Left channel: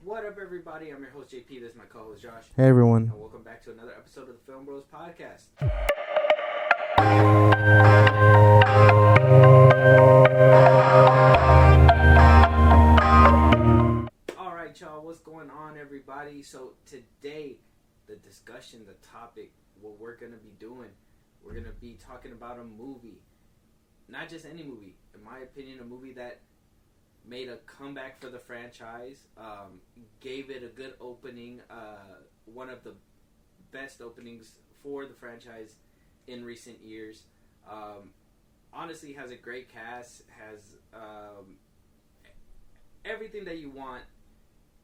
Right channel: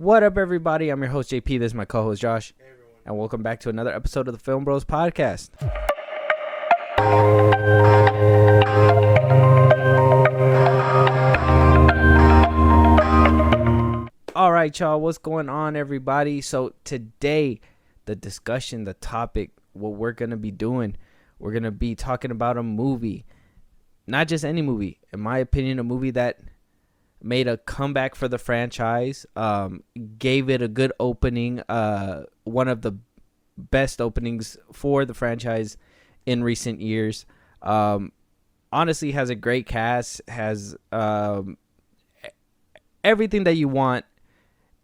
What up, everybody? I'm your host, JP. This is my co-host, Josh. Hey, everyone. And welcome back to another episode of the FIlmBros podcast. All right, y'all. What's going on, everybody? So today, the discussion, the topic, what we're going to be doing, we're going to be talking about a movie. Not just any movie. In my opinion, a movie that made a comeback for the franchise, gave it a good opening, one of the best openings for the franchise in recent years. Honestly, has a great cast, has everything that you want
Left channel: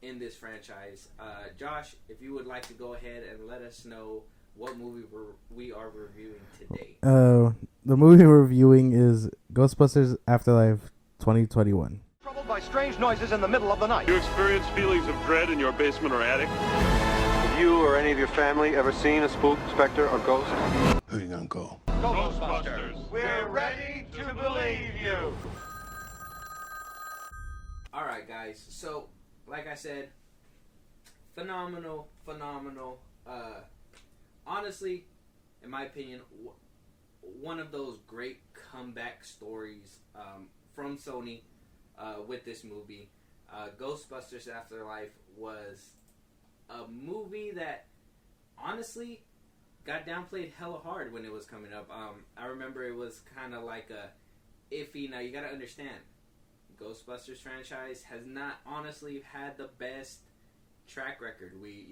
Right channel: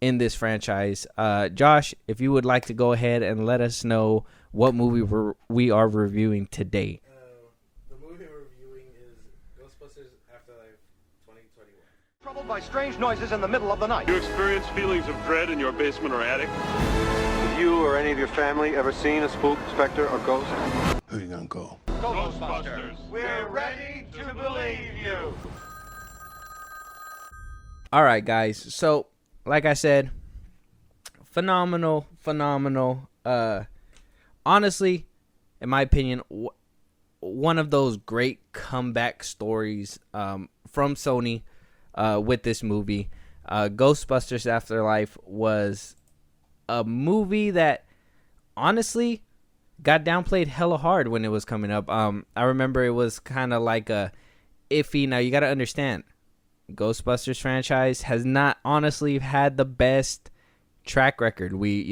in this franchise. Josh, if you would like to go ahead and let us know what movie we are reviewing today. The movie we're reviewing is Ghostbusters Afterlife 2021. Troubled by strange noises in the middle of the night. You experience feelings of dread in your basement or attic? Have you or any of your family ever seen a spook, specter, or ghost? Who are you gonna call? Ghostbusters. We're ready to believe you. All right, guys. So, like I said, phenomenal. Honestly, in my opinion, one of those great comeback stories from Sony with this movie. Ghostbusters Afterlife was a movie that honestly got downplayed hella hard when it was coming up. I remember it was kind of like a iffy. Now you got to understand, Ghostbusters franchise has not honestly had the best track record. We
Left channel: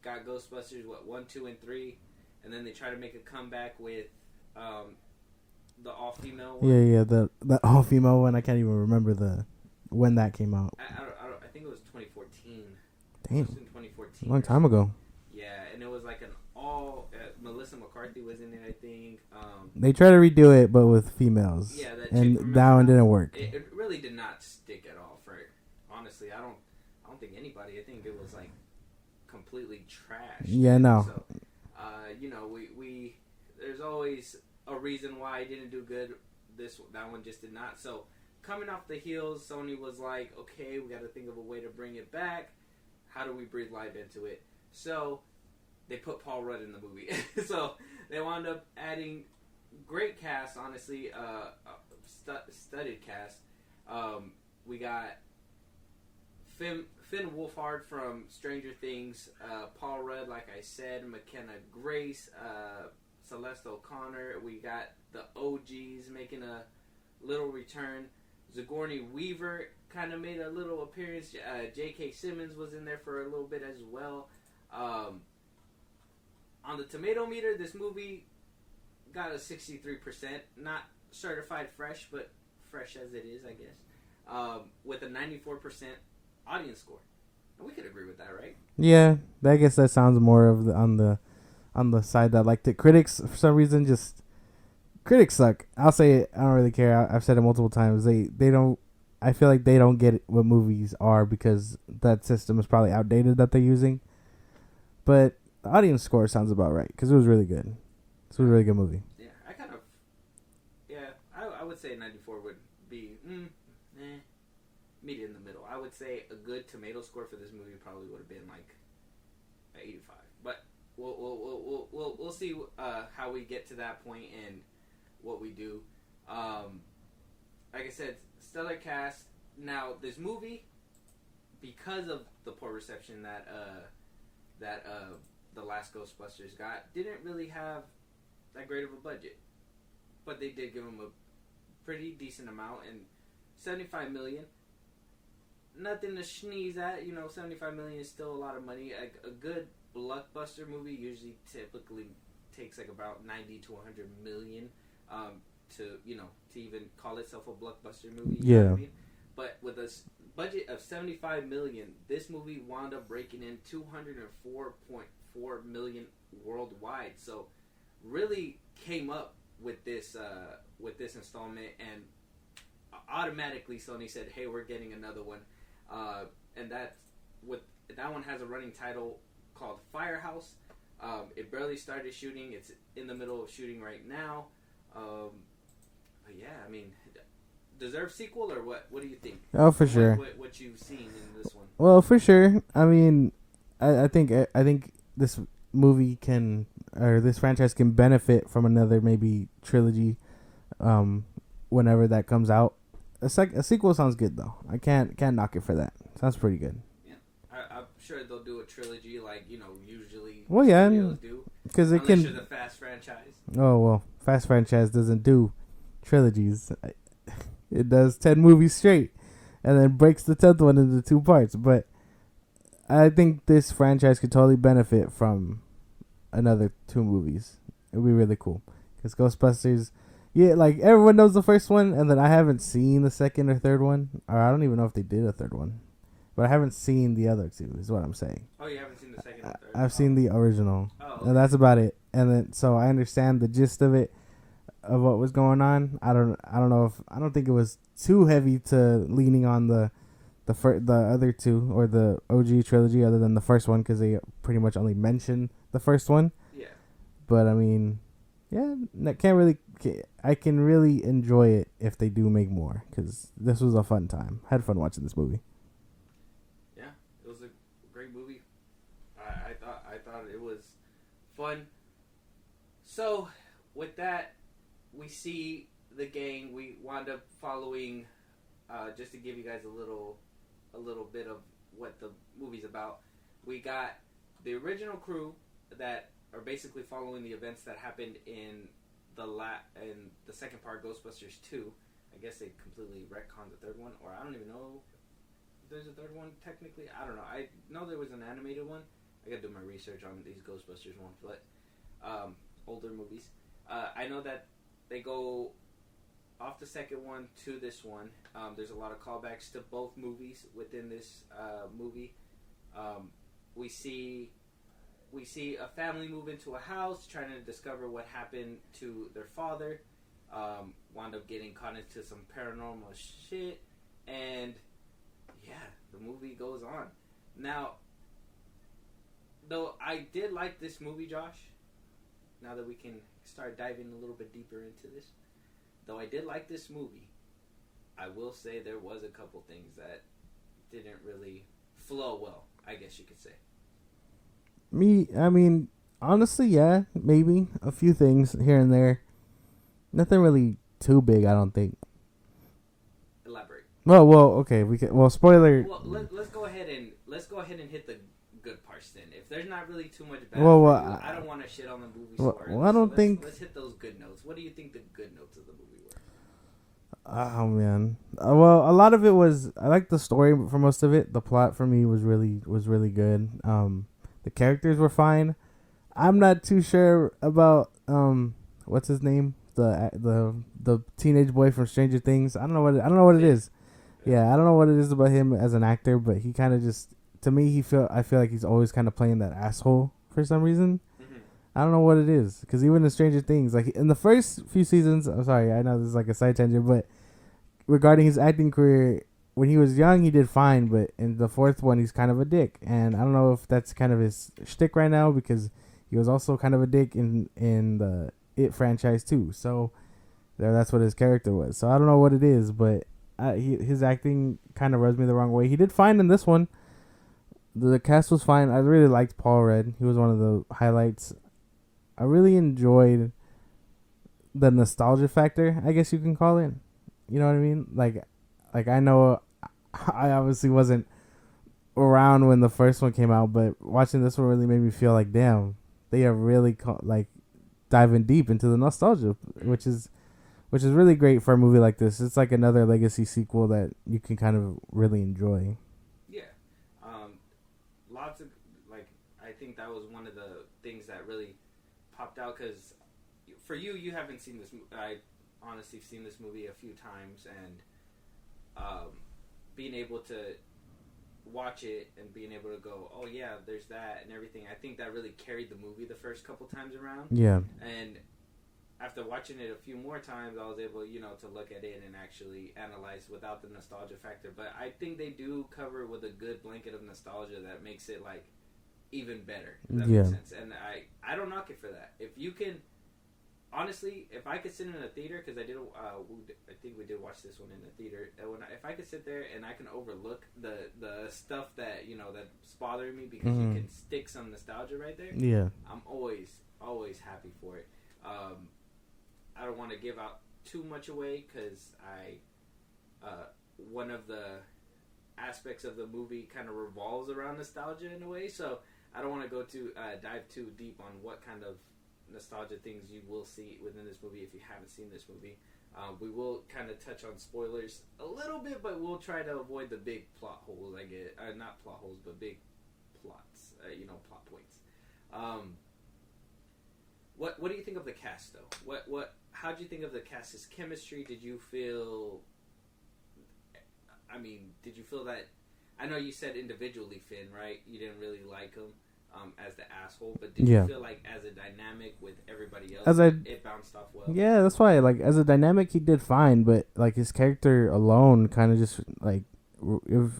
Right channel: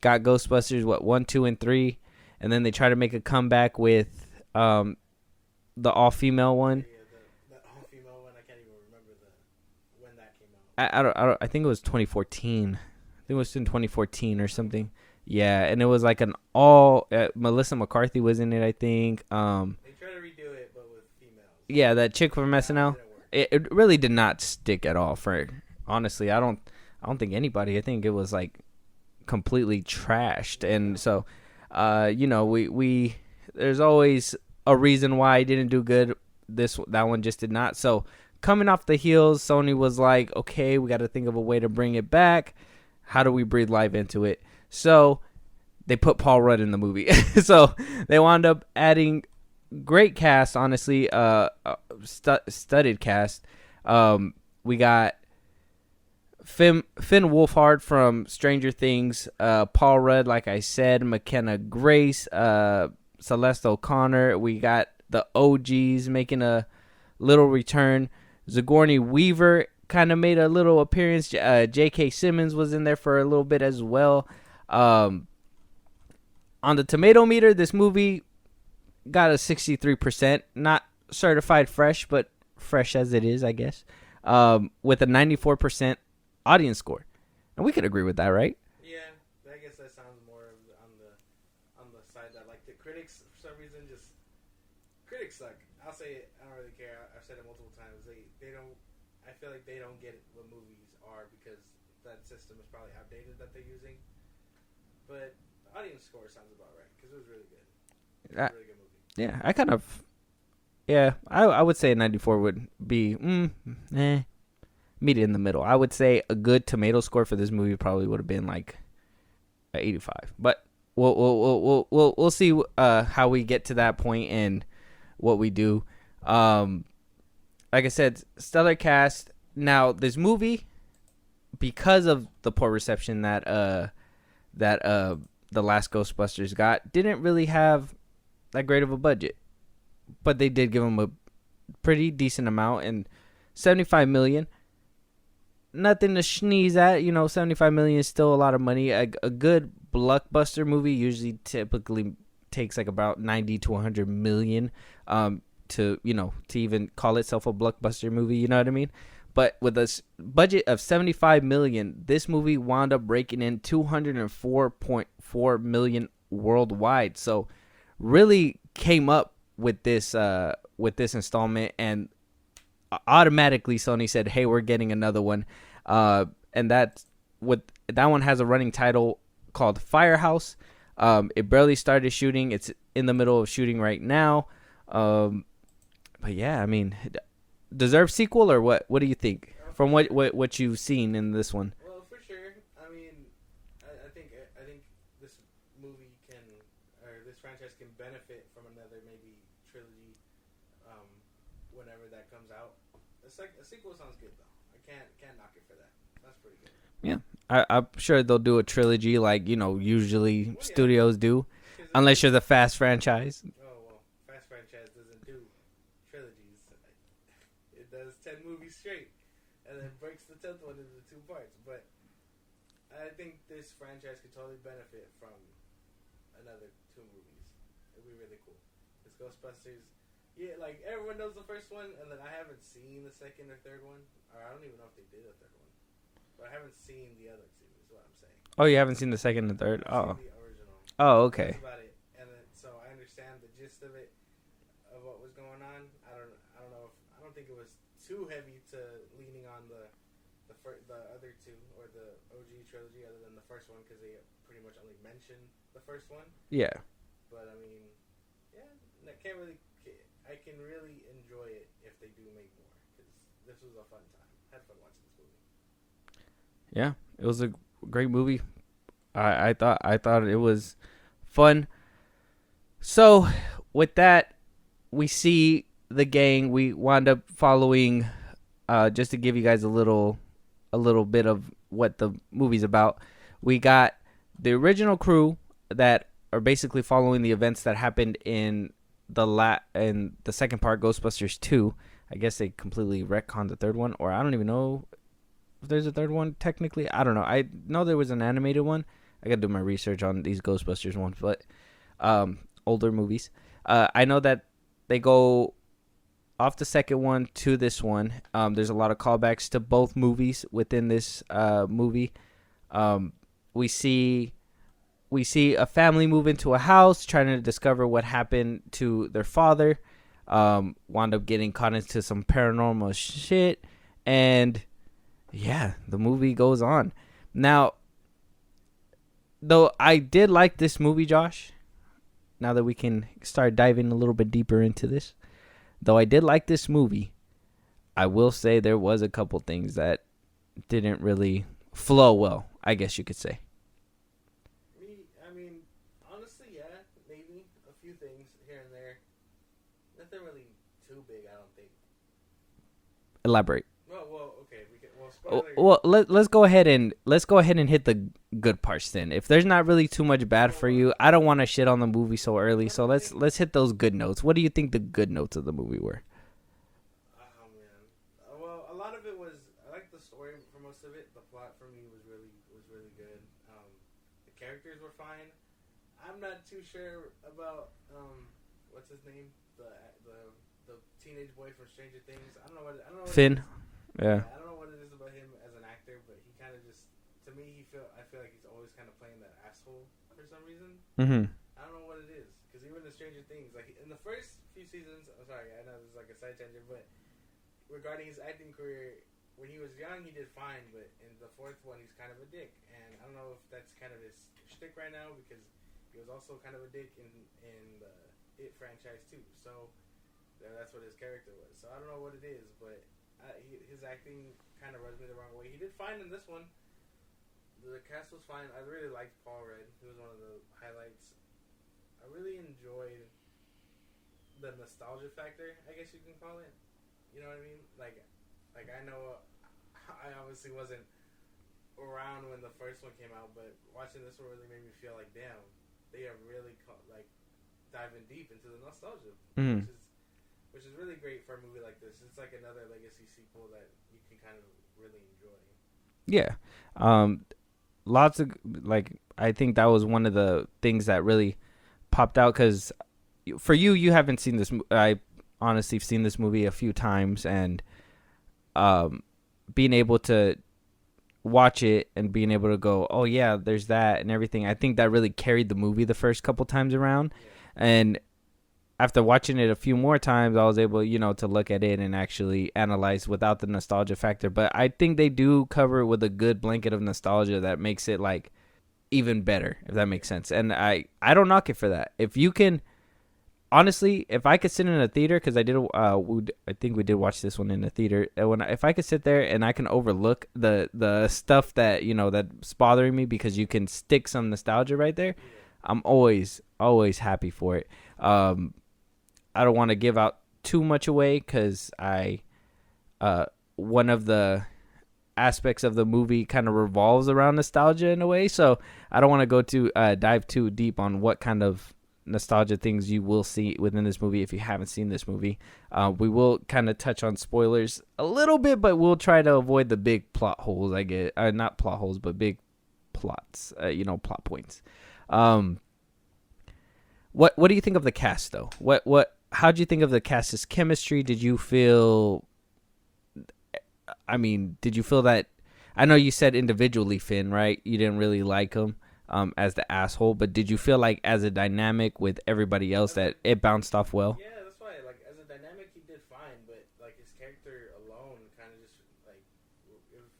got Ghostbusters 1, 2, and 3, and then they try to make a comeback with the all-female one. Yeah, the all-female one. I can't even remember when that came out. I think it was 2014. I think it was in 2014 or something. Ago. Yeah, and it was like an all Melissa McCarthy was in it, I think. They tried to redo it, but with females. Yeah, that chick from SNL. That one didn't work. It really did not stick at all. Honestly, I don't think anybody. I think it was like completely trashed. Yeah, and no. So, we there's always a reason why it didn't do good. That one just did not. So, coming off the heels, Sony was like, okay, we got to think of a way to bring it back. How do we breathe life into it? So they put Paul Rudd in the movie. So they wound up adding great cast, honestly, studded cast. We got Finn Wolfhard from Stranger Things, Paul Rudd, like I said, McKenna Grace, Celeste O'Connor. We got the OGs making a little return. Sigourney Weaver kind of made a little appearance. J.K. Simmons was in there for a little bit as well. On the tomato meter, this movie got a 63%, not certified fresh, but fresh as it is, I guess, with a 94% audience score. And we could agree with that, right? Yeah, I guess that sounds more of on the side that liked it. Critics, for some reason, critics suck. I'll say it. I don't really care. I've said it multiple times. They don't. I feel like they don't get what movies are because that system is probably outdated that they're using. But the audience score sounds about right because it was really good. It's a really good movie. Yeah, I would say a 94 would be meet in the middle. I would say a good tomato score for this movie probably would have been like a 85. But we'll see how we get to that point and what we do. Like I said, stellar cast. Now this movie, because of the poor reception that the last Ghostbusters got, didn't really have that great of a budget, but they did give them a pretty decent amount, and $75 million, nothing to sneeze at. 75 million is still a lot of money. A good blockbuster movie typically takes like about 90 to 100 million to even call itself a blockbuster movie. You know what I mean? But with a budget of $75 million, this movie wound up raking in $204.4 million worldwide. So, really came up with this installment, and automatically Sony said, "Hey, we're getting another one." And that one has a running title called Firehouse. It barely started shooting. It's in the middle of shooting right now. But yeah, I mean, deserve sequel, or what? What do you think? Oh, for From sure. what you've seen in this one? Well, for sure. I mean, I think this movie can, or this franchise can benefit from another maybe trilogy, whenever that comes out. A sequel sounds good though. I can't knock it for that. Sounds pretty good. Yeah, I'm sure they'll do a trilogy like usually Well, yeah, studios do, unless you're the Fast franchise. Oh well, Fast franchise doesn't do trilogies. It does 10 movies straight, and then breaks the 10th one into 2 parts. But I think this franchise could totally benefit from another 2 movies. It'd be really cool. Because Ghostbusters, yeah, like everyone knows the first one, and then I haven't seen the second or third one. Or I don't even know if they did a third one. But I haven't seen the other 2, is what I'm saying. Oh, you haven't seen the second and third? I've seen the original. Oh, okay. And that's about it. And then, so I understand the gist of it, of what was going on. I don't think it was too heavy to leaning on the other 2 or the OG trilogy, other than the first one, because they pretty much only mention the first one. Yeah. But I mean, yeah, I can really enjoy it if they do make more, because this was a fun time. Had fun watching this movie. Yeah, it was a great movie. I thought it was fun. So with that, we see the gang. We wound up following, just to give you guys a little bit of what the movie's about. We got the original crew that are basically following the events that happened in the second part, Ghostbusters 2. I guess they completely retconned the third one, or I don't even know if there's a third one technically. I don't know. I know there was an animated one. I gotta do my research on these Ghostbusters ones, but older movies. I know that they go off the second one to this one. There's a lot of callbacks to both movies within this movie. We see a family move into a house trying to discover what happened to their father. Wound up getting caught into some paranormal shit, and yeah, the movie goes on. Now, though I did like this movie, Josh, now that we can start diving a little bit deeper into this, though I did like this movie, I will say there was a couple things that didn't really flow well, I guess you could say. I mean, honestly, yeah, maybe a few things here and there. Nothing really too big, I don't think. Elaborate. Well, okay, spoiler. Well, let's go ahead and hit the good parts then. If there's not really too much bad for you, I don't want to shit on the movie so early. So let's hit those good notes. What do you think the good notes of the movie were? Oh man. Well, a lot of it was, I liked the story for most of it. The plot for me was really good. The characters were fine. I'm not too sure about what's his name? The teenage boy from Stranger Things. I don't know what Finn. it is. Yeah, I don't know what it is about him as an actor, but he kind of just, to me, I feel like he's always kind of playing that asshole for some reason. Mm-hmm. I don't know what it is, because even in Stranger Things, like in the first few seasons, I'm sorry, I know this is like a side tangent, but regarding his acting career, when he was young, he did fine, but in the fourth one, he's kind of a dick, and I don't know if that's kind of his shtick right now, because he was also kind of a dick in the It franchise too. So that's what his character was. So I don't know what it is, but his acting kind of rubs me the wrong way. He did fine in this one. The cast was fine. I really liked Paul Rudd. He was one of the highlights. I really enjoyed the nostalgia factor, I guess you can call it. You know what I mean? Like I know I obviously wasn't around when the first one came out, but watching this one really made me feel like, damn, they are really diving deep into the nostalgia, which is really great for a movie like this. It's like another legacy sequel that you can kind of really enjoy. Yeah. Lots of, I think that was one of the things that really popped out, because for you haven't seen this. I honestly have seen this movie a few times, and being able to watch it and being able to go, oh yeah, there's that and everything, I think that really carried the movie the first couple times around. Yeah. And after watching it a few more times, I was able, to look at it and actually analyze without the nostalgia factor. But I think they do cover it with a good blanket of nostalgia that makes it even better, if that makes sense. And I don't knock it for that. If you can honestly, if I could sit in a theater, because I think we did watch this one in the theater. If I could sit there and I can overlook the stuff that that's bothering me, because you can stick some nostalgia right there. Yeah. I'm always happy for it. I don't want to give out too much away, because one of the aspects of the movie kind of revolves around nostalgia in a way. So I don't want to go dive too deep on what kind of nostalgia things you will see within this movie if you haven't seen this movie. We will kind of touch on spoilers a little bit, but we'll try to avoid the big plot holes. Not plot holes, but big plots. Plot points. What do you think of the cast though? How do you think of the cast's chemistry? Did you feel that? I know you said individually, Finn, right? You didn't really like him as the asshole, but did you feel like as a dynamic with everybody else it bounced off well? Yeah, that's why. Like as a dynamic, he did fine, but like his character alone, kind of just like if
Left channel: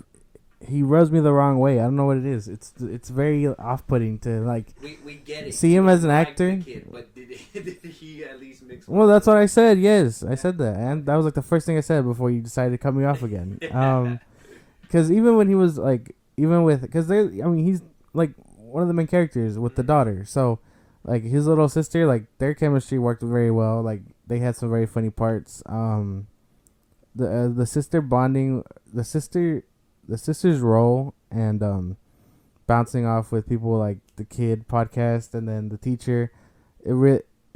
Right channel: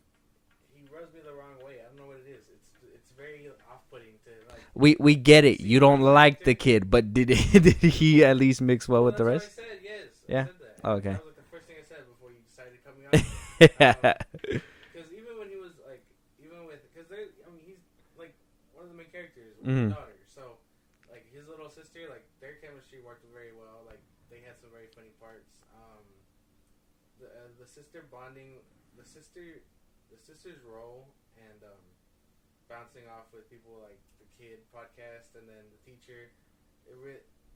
he rubs me the wrong way. I don't know what it is. It's very off-putting to like. We get it. You don't like the kid, but did he at least mix well? Well, with that's the what I rest? said. Yes, Yeah. I said that. And Okay. that was like the first thing I said before you decided to cut me off again. Because even when he was like, he's like one of the main characters with the daughter. So, like his little sister, like their chemistry worked very well. Like they had some very funny parts. The sister bonding, the sister's role and bouncing off with people like the kid podcast and then the teacher,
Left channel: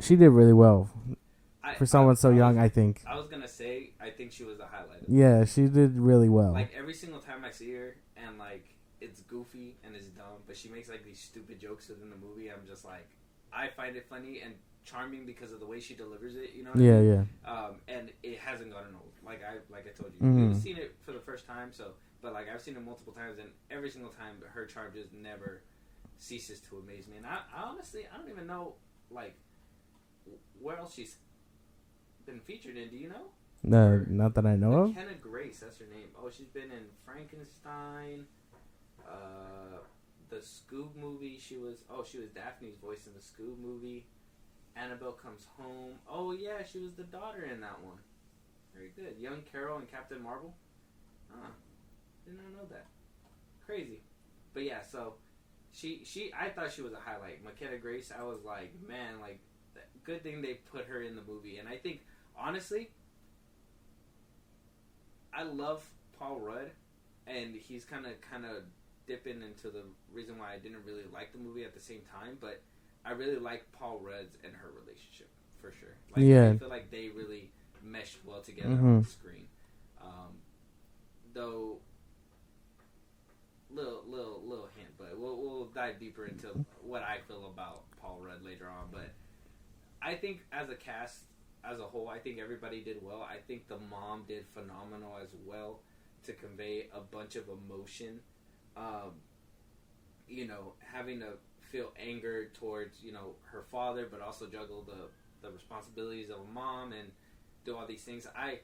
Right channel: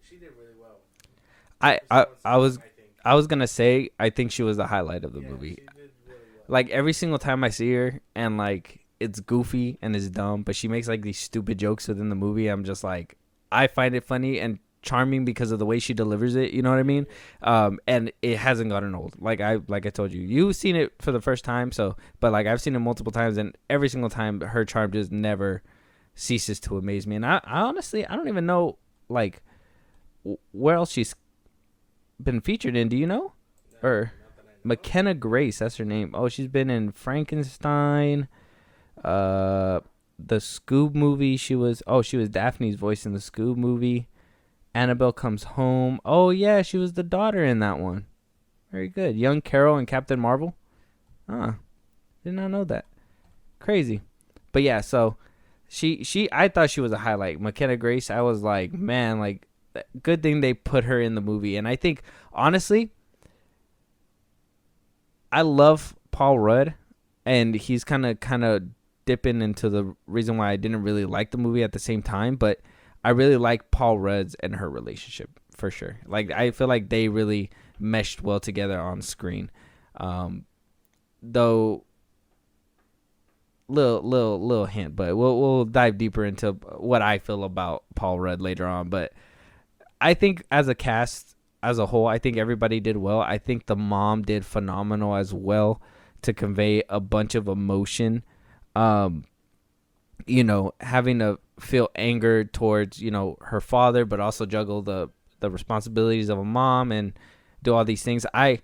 she did really well. For someone so young, I think. I was gonna say I think she was the highlight of the movie. She did really well. Like every single time I see her, and like it's goofy and it's dumb, but she makes like these stupid jokes within the movie. I'm just like, I find it funny and charming because of the way she delivers it. You know what I mean? Yeah. And it hasn't gotten old. Like I told you, you've seen it for the first time. So, but like I've seen it multiple times, and every single time her charm just never ceases to amaze me. And I honestly, I don't even know like where else she's been featured in. Do you know? No, not that I know. McKenna Grace, that's her name. Oh, she's been in Frankenstein, the Scoob movie. She was Daphne's voice in the Scoob movie. Annabelle Comes Home. Oh yeah, she was the daughter in that one. Very good. Young Carol and Captain Marvel. Did not know that. Crazy. But yeah, so I thought she was a highlight. McKenna Grace, I was like, man, like good thing they put her in the movie. And I think honestly, I love Paul Rudd, and he's kind of dipping into the reason why I didn't really like the movie at the same time, but I really like Paul Rudd's and her relationship for sure. Like I feel like they really meshed well together on screen. Though little hint, but we'll dive deeper into what I feel about Paul Rudd later on. But I think as a cast as a whole, I think everybody did well. I think the mom did phenomenal as well to convey a bunch of emotion. Having to feel anger towards, her father, but also juggle the responsibilities of a mom and do all these things. I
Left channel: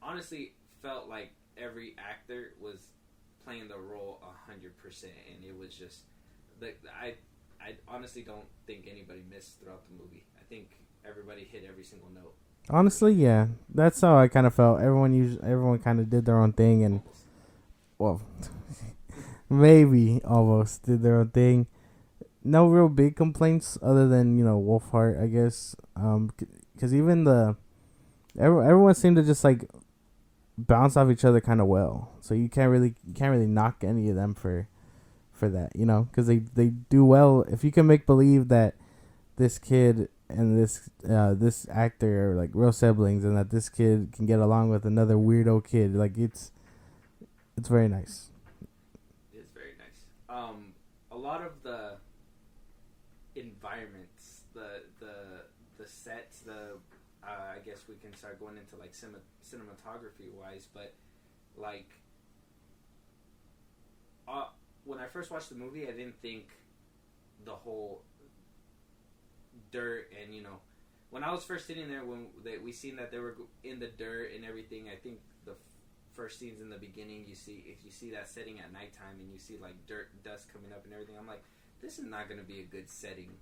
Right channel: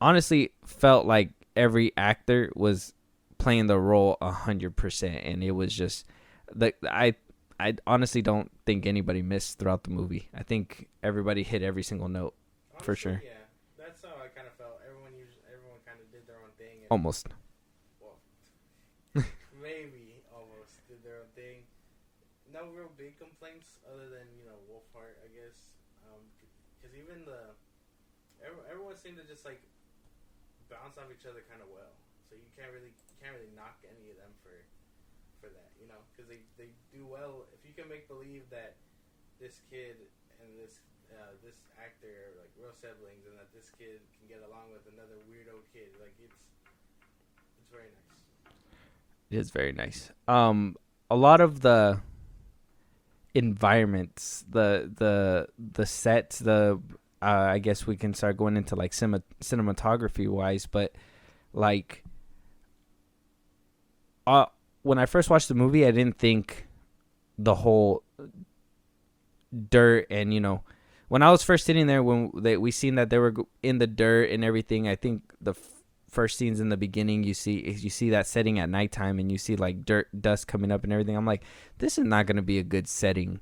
honestly felt like every actor was playing the role 100%, and it was just I honestly don't think anybody missed throughout the movie. I think everybody hit every single note. Honestly, sure. Yeah, that's how I kind of felt. Everyone kind of did their own thing, and Almost. Well, maybe almost did their own thing. No real big complaints other than Wolfhard, I guess. Because even everyone seemed to just like bounce off each other kind of well. So you can't really knock any of them for that, because they do well. If you can make believe that this kid and this actor are like real siblings, and that this kid can get along with another weirdo kid, like it's very nice. It is very nice. A lot of the environments, the sets, I guess we can start going into like cinematography wise, but like when I first watched the movie, I didn't think the whole dirt and when I was first sitting there when we seen that they were in the dirt and everything. I think the first scenes in the beginning, you see that setting at nighttime, and you see like dust coming up and everything. I'm like, this is not going to be a good setting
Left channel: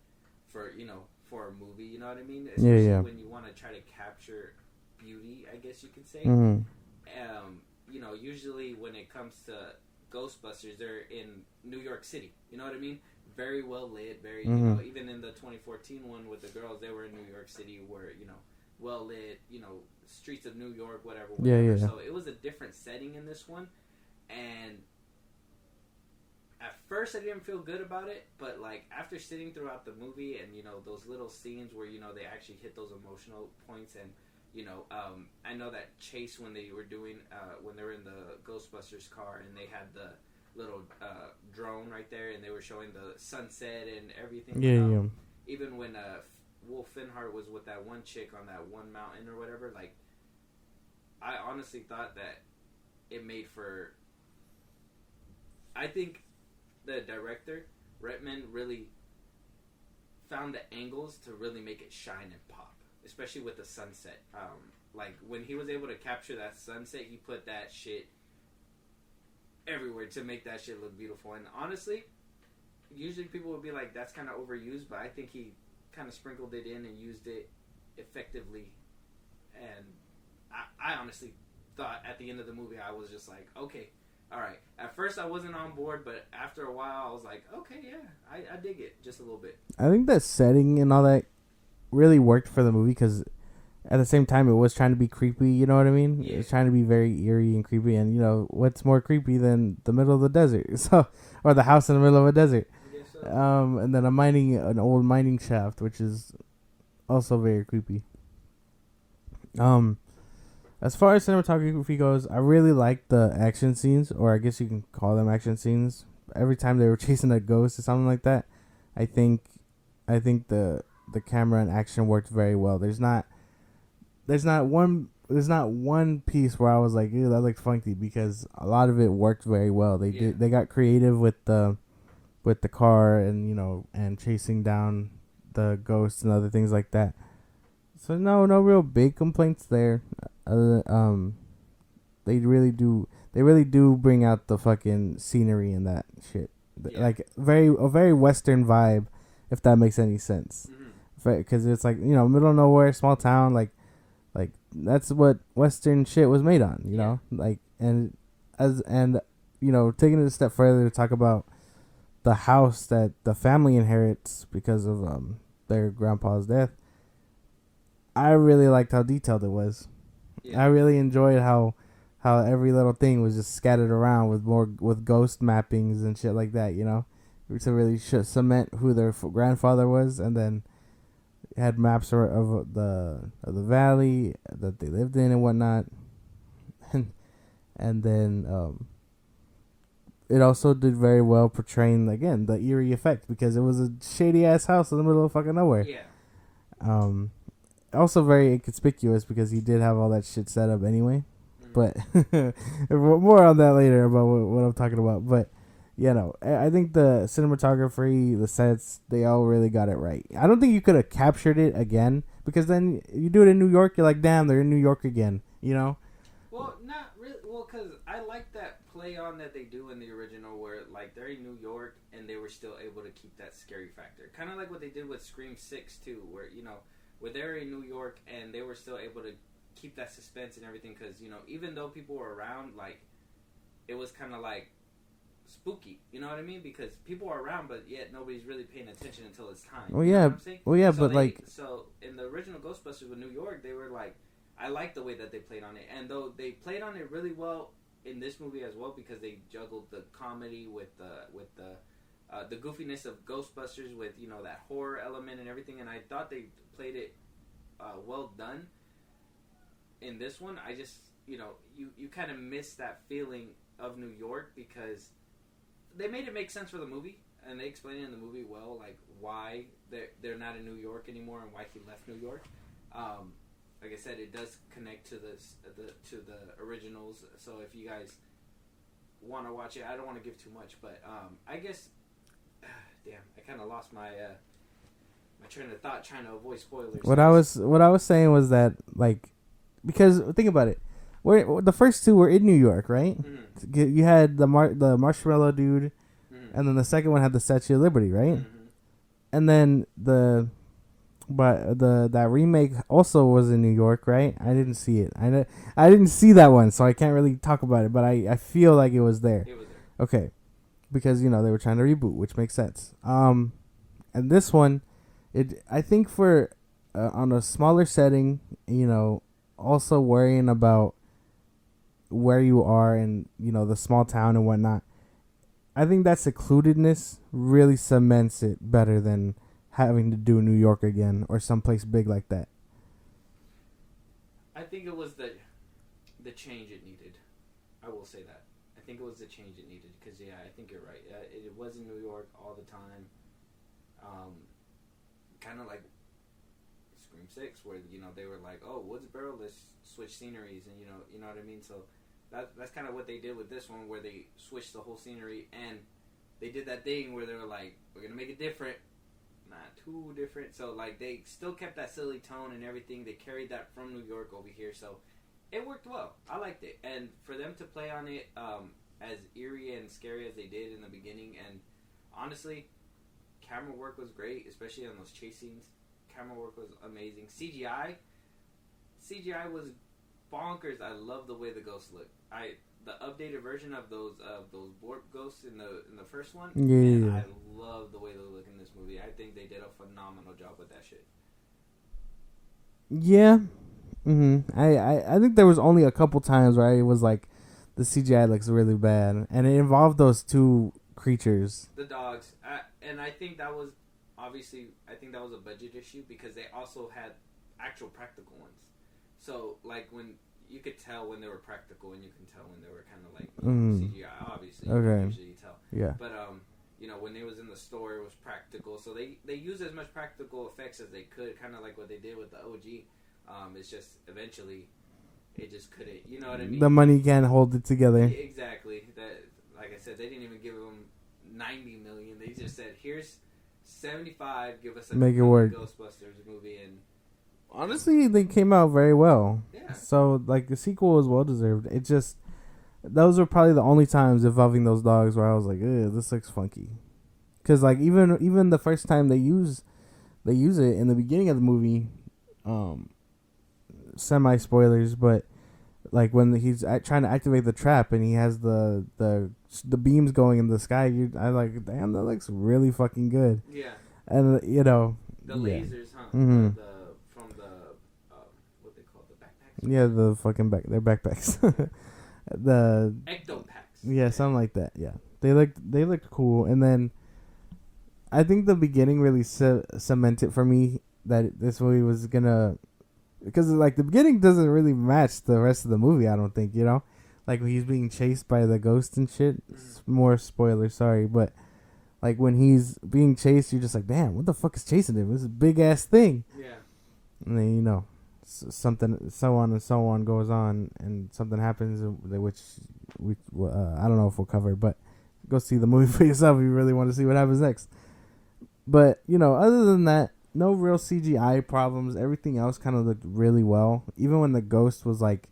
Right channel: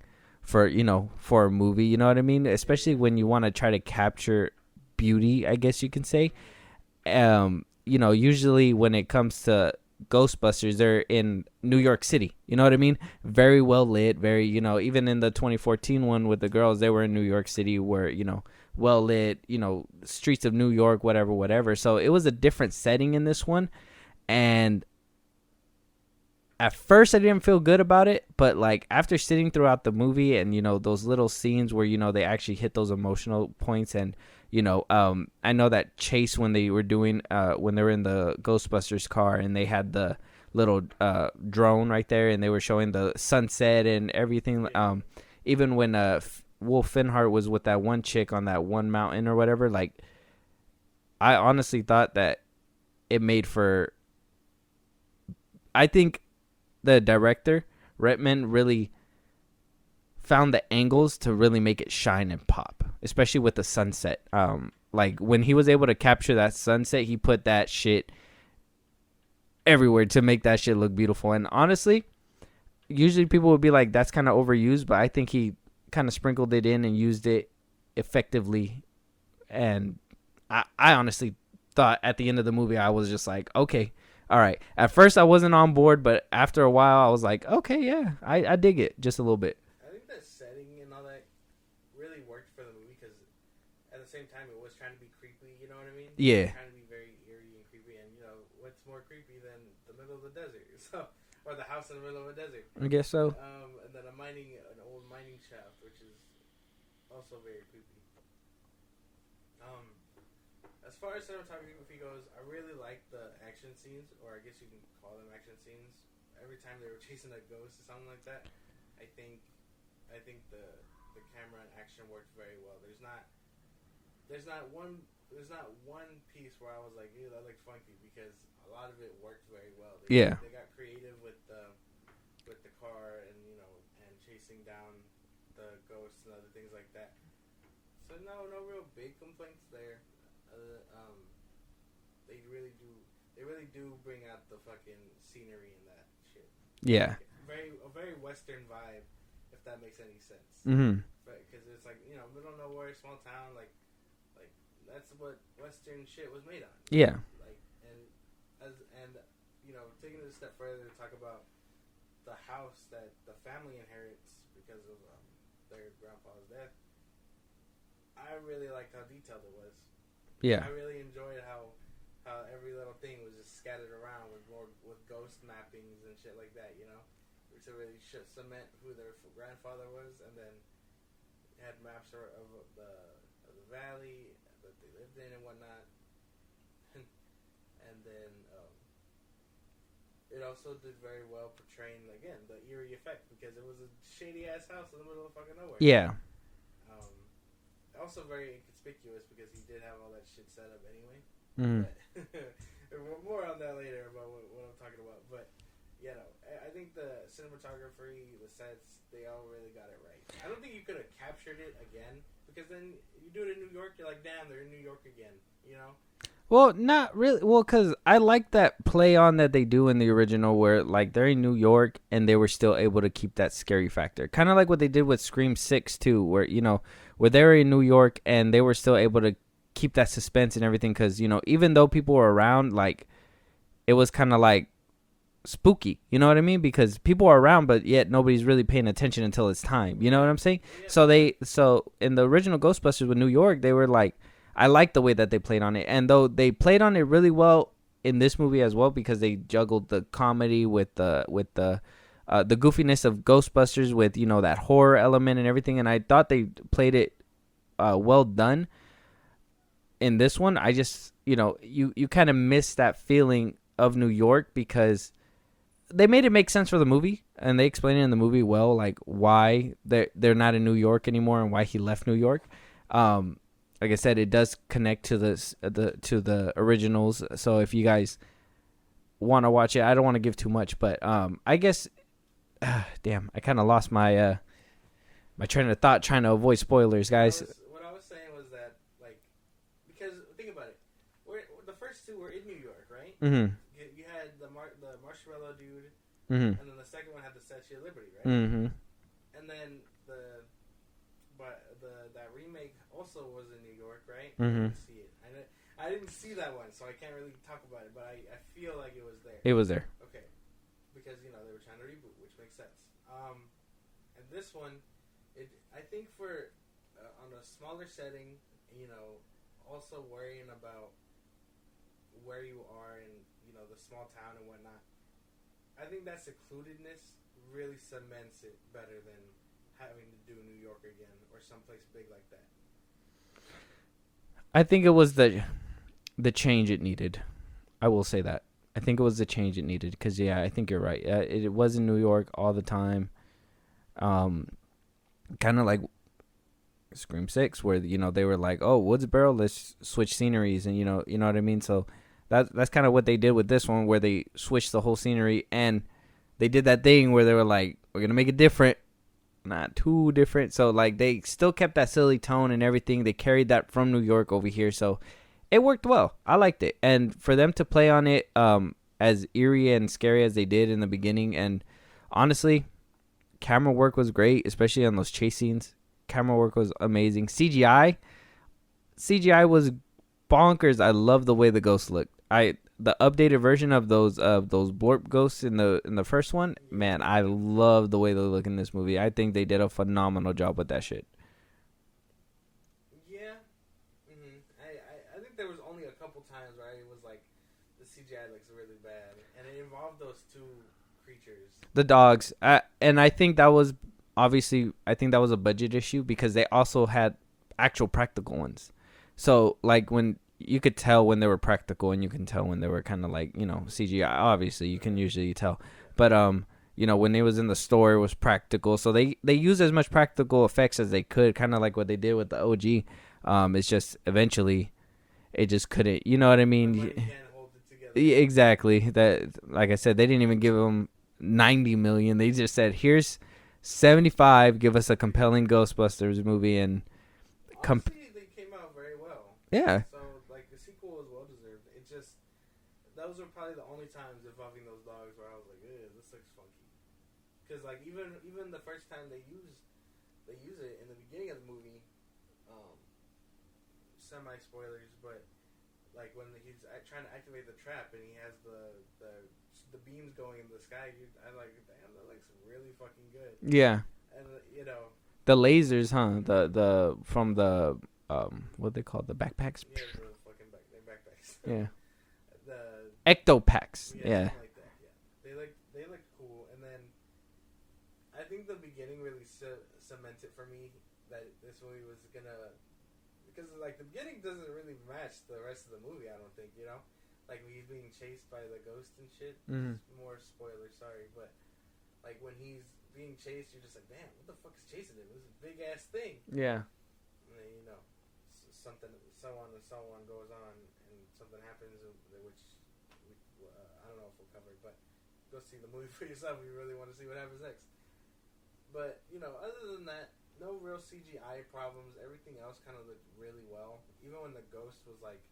for for a movie. You know what I mean? Especially yeah. when you want to try to capture beauty, I guess you can say. Mm. Usually when it comes to Ghostbusters, they're in New York City. You know what I mean? Very well lit. Very, even in the 2014 one with the girls, they were in New York City, where well lit. Streets of New York, whatever. Yeah. So it was a different setting in this one, and at first I didn't feel good about it, but like after sitting throughout the movie and those little scenes where they actually hit those emotional points, and I know that chase when they were doing when they were in the Ghostbusters car and they had the little drone right there and they were showing the sunset and everything. Even when Wolf Finhart was with that one chick on that one mountain or whatever, like I honestly thought that it made for. I think the director Retman really found the angles to really make it shine and pop, especially with the sunset. Like when he was able to capture that sunset, he put that shit everywhere to make that shit look beautiful. And honestly, usually people would be like, that's kind of overused, but I think he kind of sprinkled it in and used it effectively. And I honestly thought at the end of the movie, I was just like, okay, all right. At first I wasn't on board, but after a while I was like, okay, yeah, I dig it just a little bit. I think that setting and all that really worked for the movie because at the same time it was trying to be creepy. You know what I mean? Yeah. It was trying to be very eerie and creepy, and what's more creepy than the middle of the desert? So, or the house in the middle of a desert. I guess so. And then an old mining shaft, which is also very creepy. As far as cinematography goes, I really like the action scenes, or I guess you can call them action scenes. Every time they were chasing a ghost or something like that, I think the camera and action worked very well. There's not one piece where I was like, ew, that looked funky, because a lot of it worked very well. They got creative with the car and chasing down the ghosts and other things like that. So no real big complaints there. They really do bring out the fucking scenery and that shit. Yeah. Like a very Western vibe, if that makes any sense. Mm-hmm. Because it's like, middle of nowhere, small town, like that's what Western shit was made on. You know? Like, and taking it a step further to talk about the house that the family inherits because of their grandpa's death. I really liked how detailed it was. Yeah. I really enjoyed how every little thing was just scattered around with ghost mappings and shit like that, to really cement who their grandfather was, and then had maps of the valley that they lived in and whatnot, and then it also did very well portraying again the eerie effect, because it was a shady ass house in the middle of fucking nowhere. Yeah. Also very inconspicuous because he did have all that shit set up anyway. But more on that later about what I'm talking about. But I think the cinematography, the sets, they all really got it right. I don't think you could have captured it again, because then you do it in New York, you're like, damn, they're in New York again. Well, not really. Well, because I like that play on that they do in the original, where like they're in New York and they were still able to keep that scary factor, kind of like what they did with Scream 6 too, where where they were in New York and they were still able to keep that suspense and everything, because even though people were around, like it was kind of like spooky, you know what I mean, because people are around but yet nobody's really paying attention until it's time. Well, you know what I'm saying? Well, yeah. So in the original Ghostbusters with New York, they were like, I like the way that they played on it, and though they played on it really well in this movie as well, because they juggled the comedy with the goofiness of Ghostbusters with that horror element and everything, and I thought they played it well done. In this one, I just you kind of miss that feeling of New York, because they made it make sense for the movie, and they explained it in the movie well, like why they're not in New York anymore and why he left New York. Like I said, it does connect to the originals. So if you guys want to watch it, I don't want to give too much, but I guess, damn, I kind of lost my my train of thought trying to avoid spoilers. What I was saying was that, like, because think about it, the first two were in New York, right? Mm-hmm. You had the marshmallow dude, mm-hmm. and then the second one had the Statue of Liberty, right? Mm-hmm. and then that remake also was in New York, right? I didn't see it. I didn't see that one, so I can't really talk about it. But I feel like it was there. It was there. Okay, because they were trying to reboot, which makes sense. And this one, I think for on a smaller setting, also worrying about where you are and the small town and whatnot. I think that secludedness really cements it better than having to do New York again or someplace big like that. I think it was the change it needed. I will say that. I think it was the change it needed because, I think you're right. It was in New York all the time. Kind of like Scream 6 where, they were like, oh, Woodsboro, let's switch sceneries. And, you know what I mean? So that's kind of what they did with this one where they switched the whole scenery. And they did that thing where they were like, we're going to make it different. Not too different. So like they still kept that silly tone and everything. They carried that from New York over here. So it worked well. I liked it. And for them to play on it as eerie and scary as they did in the beginning. And honestly, camera work was great, especially on those chase scenes. Camera work was amazing. CGI was bonkers. I love the way the ghosts looked. The updated version of those blorp ghosts in the first one, man, I love the way they look in this movie. I think they did a phenomenal job with that shit. Yeah. I think there was only a couple times where it was like the CGI looks really bad, and it involved those two creatures, the dogs, and I think that was a budget issue because they also had actual practical ones. So like when you could tell when they were practical, and you can tell when they were kind of like CGI. Obviously, you can usually tell. Yeah. But when it was in the store, it was practical. So they used as much practical effects as they could, kind of like what they did with the OG. It's just eventually, it just couldn't. You know what I mean? The money can't hold it together. Exactly. That, like I said, they didn't even give them $90 million. They just said, "Here's $75. Give us a compelling Ghostbusters movie." And honestly, they came out very well. Yeah. So, like, the sequel was well deserved. It just, those were probably the only times involving those dogs where I was like, "Ew, this looks funky." Because, like, even the first time they use it in the beginning of the movie, semi spoilers, but like when he's trying to activate the trap and he has the beams going in the sky, I like, damn, that looks really fucking good. Yeah. And the lasers, huh? Mm-hmm. The from the what they call the backpacks. Yeah, the fucking their backpacks. Yeah. The ectopacks. Yeah, something like that. Yeah, they looked cool. And then I think the beginning really cemented for me that this movie was gonna, because like the beginning doesn't really match the rest of the movie. I don't think, like when he's being chased by the ghost and shit. Mm-hmm. It's more spoiler, sorry, but. Like, when he's being chased, you're just like, damn, what the fuck is chasing him? This is a big-ass thing. Yeah. And then, something, so on and so on goes on, and something happens, which I don't know if we'll cover, but go see the movie for yourself if you really want to see what happens next. But, other than that, no real CGI problems. Everything else kind of looked really well. Even when the ghost was, like,